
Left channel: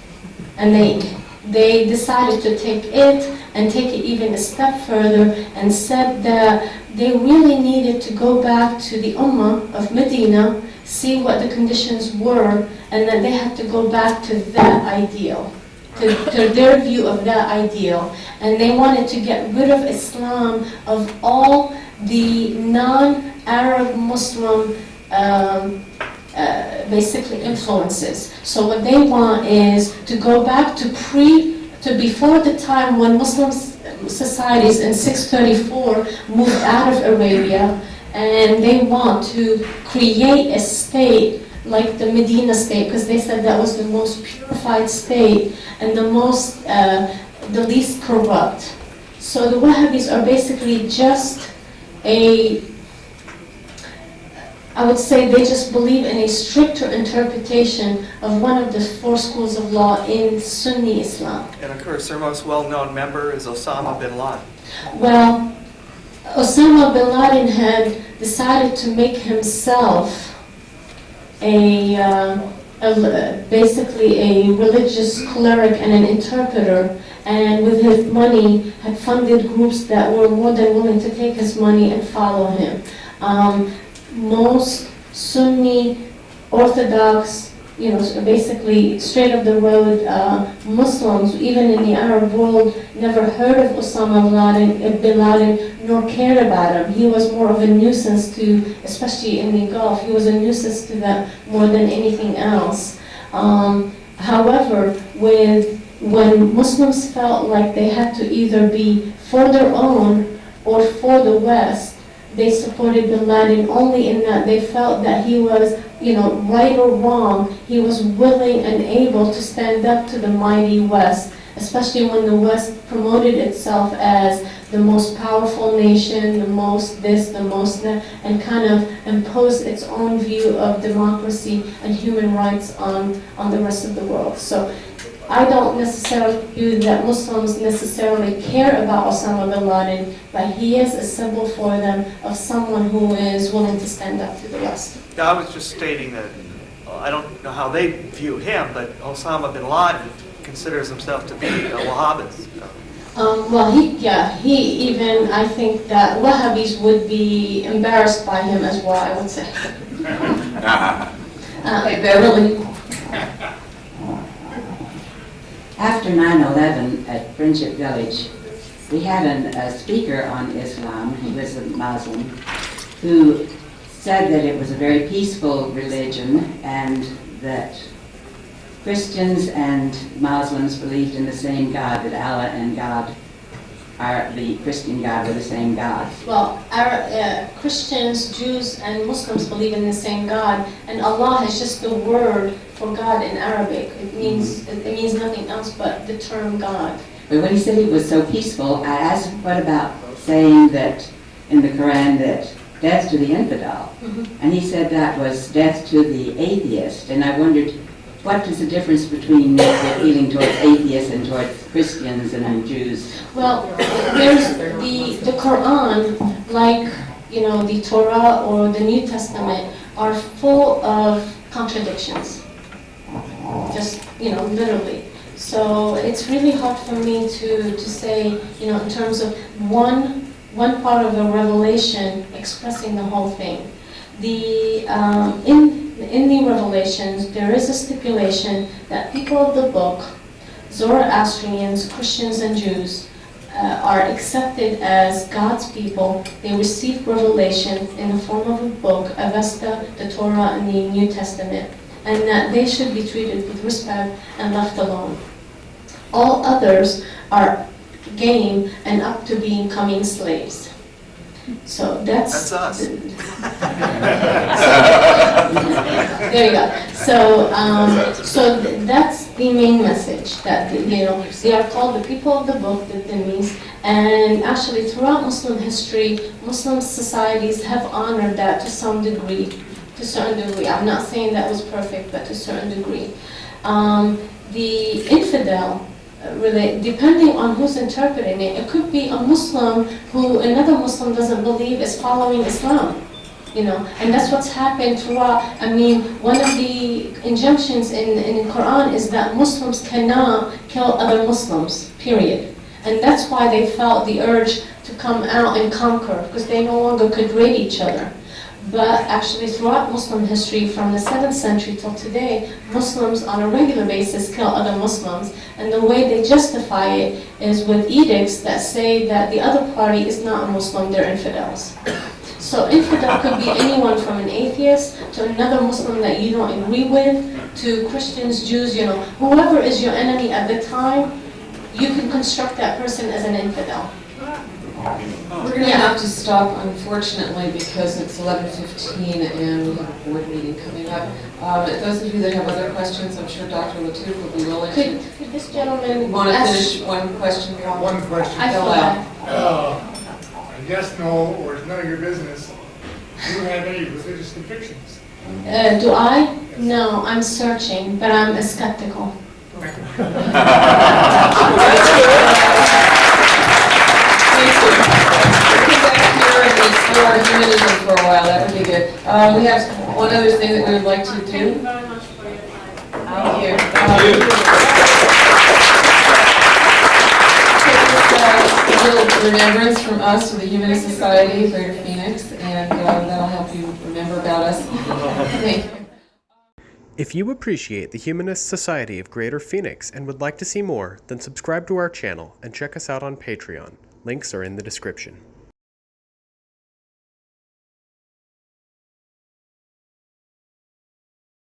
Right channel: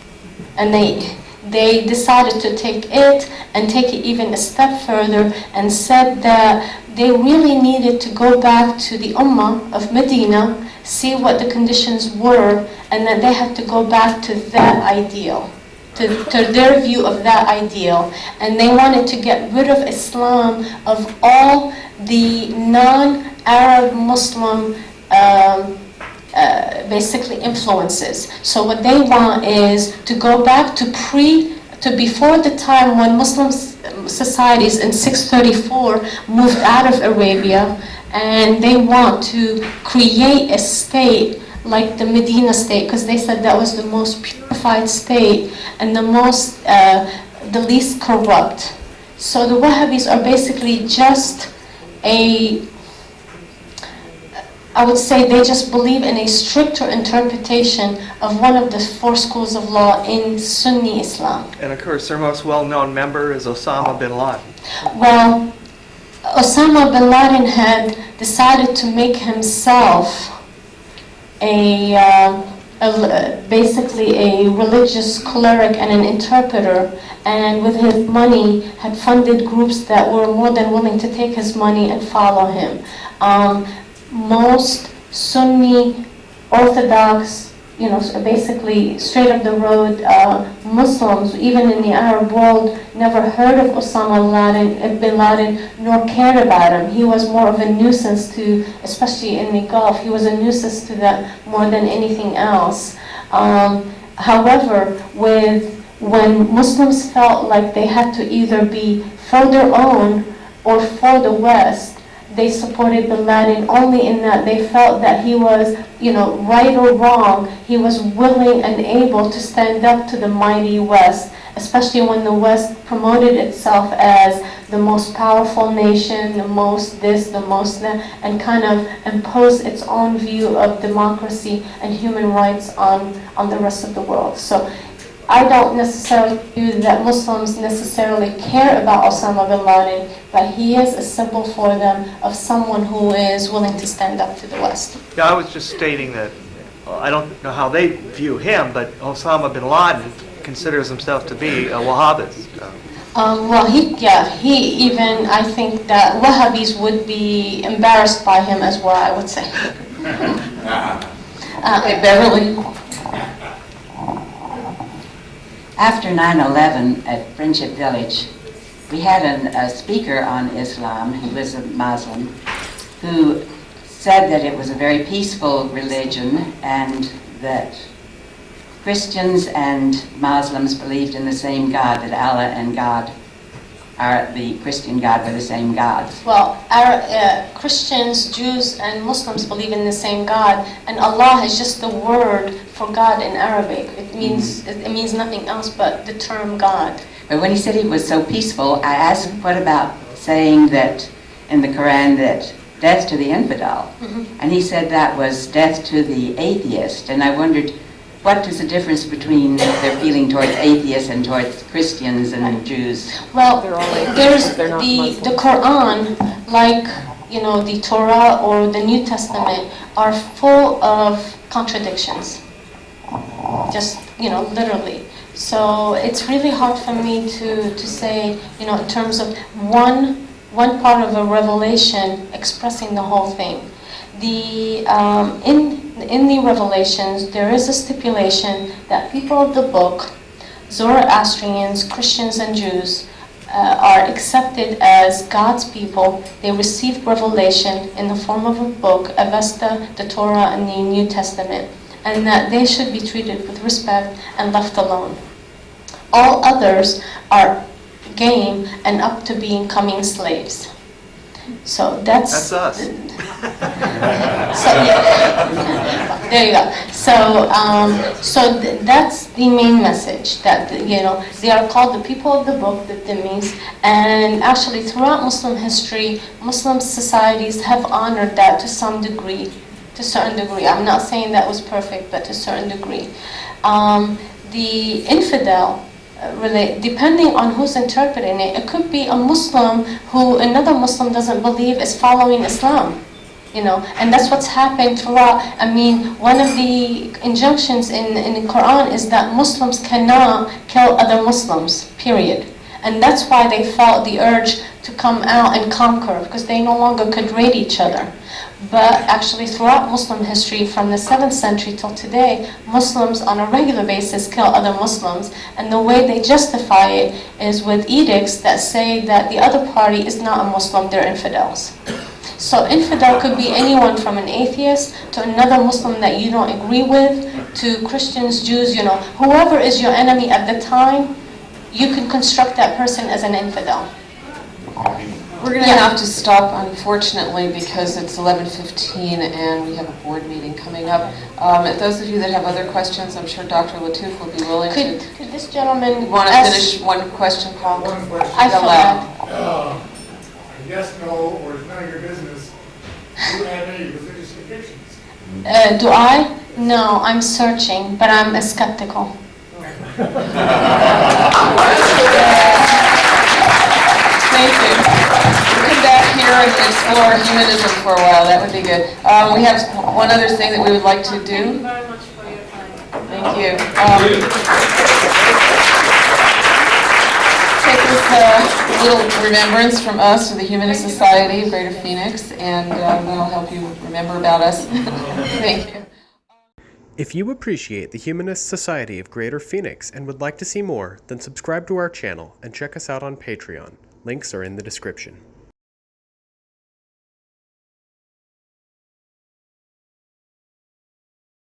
and they decided to take it and take it even a step further and said that they really needed to go back to the Ummah of Medina, see what the conditions were, and then they had to go back to that ideal, to their view of that ideal. And they wanted to get rid of Islam, of all the non-Arab Muslim basically influences. So what they want is to go back to before the time when Muslim societies in 634 moved out of Arabia, and they want to create a state like the Medina state, because they said that was the most purified state and the least corrupt. So the Wahhabis are basically just I would say they just believe in a stricter interpretation of one of the 4 schools of law in Sunni Islam. And of course, their most well-known member is Osama bin Laden. Well, Osama bin Laden had decided to make himself basically a religious cleric and an interpreter, and with his money had funded groups that were more than willing to take his money and follow him. Most Sunni, Orthodox, basically straight up the road Muslims, even in the Arab world, never heard of Osama bin Laden, nor cared about him. He was more of a nuisance to, especially in the Gulf, he was a nuisance to them more than anything else. However, when Muslims felt like they had to either be for their own or for the West, they supported bin Laden only in that they felt that he was, right or wrong, he was willing and able to stand up to the mighty West, especially when the West promoted itself as the most powerful nation, the most this, the most that, and kind of imposed its own view of democracy and human rights on the rest of the world. So I don't necessarily view that Muslims necessarily care about Osama bin Laden, but he is a symbol for them of someone who is willing to stand up to the West. Yeah, I was just stating that I don't know how they view him, but Osama bin Laden considers himself to be a Wahhabist. I think that Wahhabis would be embarrassed by him as well, I would say. Hey, Beverly. After 9/11 at Friendship Village, we had a speaker on Islam, who was a Muslim, who said that it was a very peaceful religion and that Christians and Muslims believed in the same God, that Allah and God the Christian God were the same God. Well, Christians, Jews, and Muslims believe in the same God, and Allah is just the word for God in Arabic. It means nothing else but the term God. But when he said it was so peaceful, I asked, what about saying that in the Quran that death to the infidel? And he said that was death to the atheist, and I wondered, what is the difference between their feeling towards atheists and towards Christians and Jews? Well, there's the Quran, like the Torah or the New Testament, are full of contradictions. Just literally. So it's really hard for me to say, in terms of one part of a revelation expressing the whole thing. In the Revelations, there is a stipulation that people of the book, Zoroastrians, Christians, and Jews, are accepted as God's people. They received revelation in the form of a book, Avesta, the Torah, and the New Testament, and that they should be treated with respect and left alone. All others are game and up to becoming slaves. So that's us. There you go. So that's the main message, that they are called the people of the book, the Dhimmis, and actually throughout Muslim history, Muslim societies have honored that to some degree, to a certain degree. I'm not saying that was perfect, but to a certain degree. The infidel, depending on who's interpreting it, it could be a Muslim who another Muslim doesn't believe is following Islam, and that's what's happened throughout. One of the injunctions in the Quran is that Muslims cannot kill other Muslims, period. And that's why they felt the urge to come out and conquer, because they no longer could raid each other. But actually throughout Muslim history, from the 7th century till today, Muslims on a regular basis kill other Muslims, and the way they justify it is with edicts that say that the other party is not a Muslim, they're infidels. So infidel could be anyone from an atheist to another Muslim that you don't agree with, to Christians, Jews, whoever is your enemy at the time, you could construct that person as an infidel. We're going to have to stop, unfortunately, because it's 11:15 and we have a board meeting coming up. Those of you that have other questions, I'm sure Dr. Lattouf will be willing to. Could this gentleman want to finish one question, Paul? One question. I forgot. Yes, no, or it's none of your business. Do you have any religious convictions? Do I? No, I'm searching, but I'm skeptical. Thank you. We'll come back here or humanism for a while. That would be good. We have one other thing that we would like to do. Thank you very much for your time. Thank you. Take this little remembrance from us to the Humanist Society of Greater Phoenix, and that'll help you remember about us. Thank you. If you appreciate the Humanist Society of Greater Phoenix and would like to see more, then subscribe to our channel and check us out on Patreon. Links are in the description.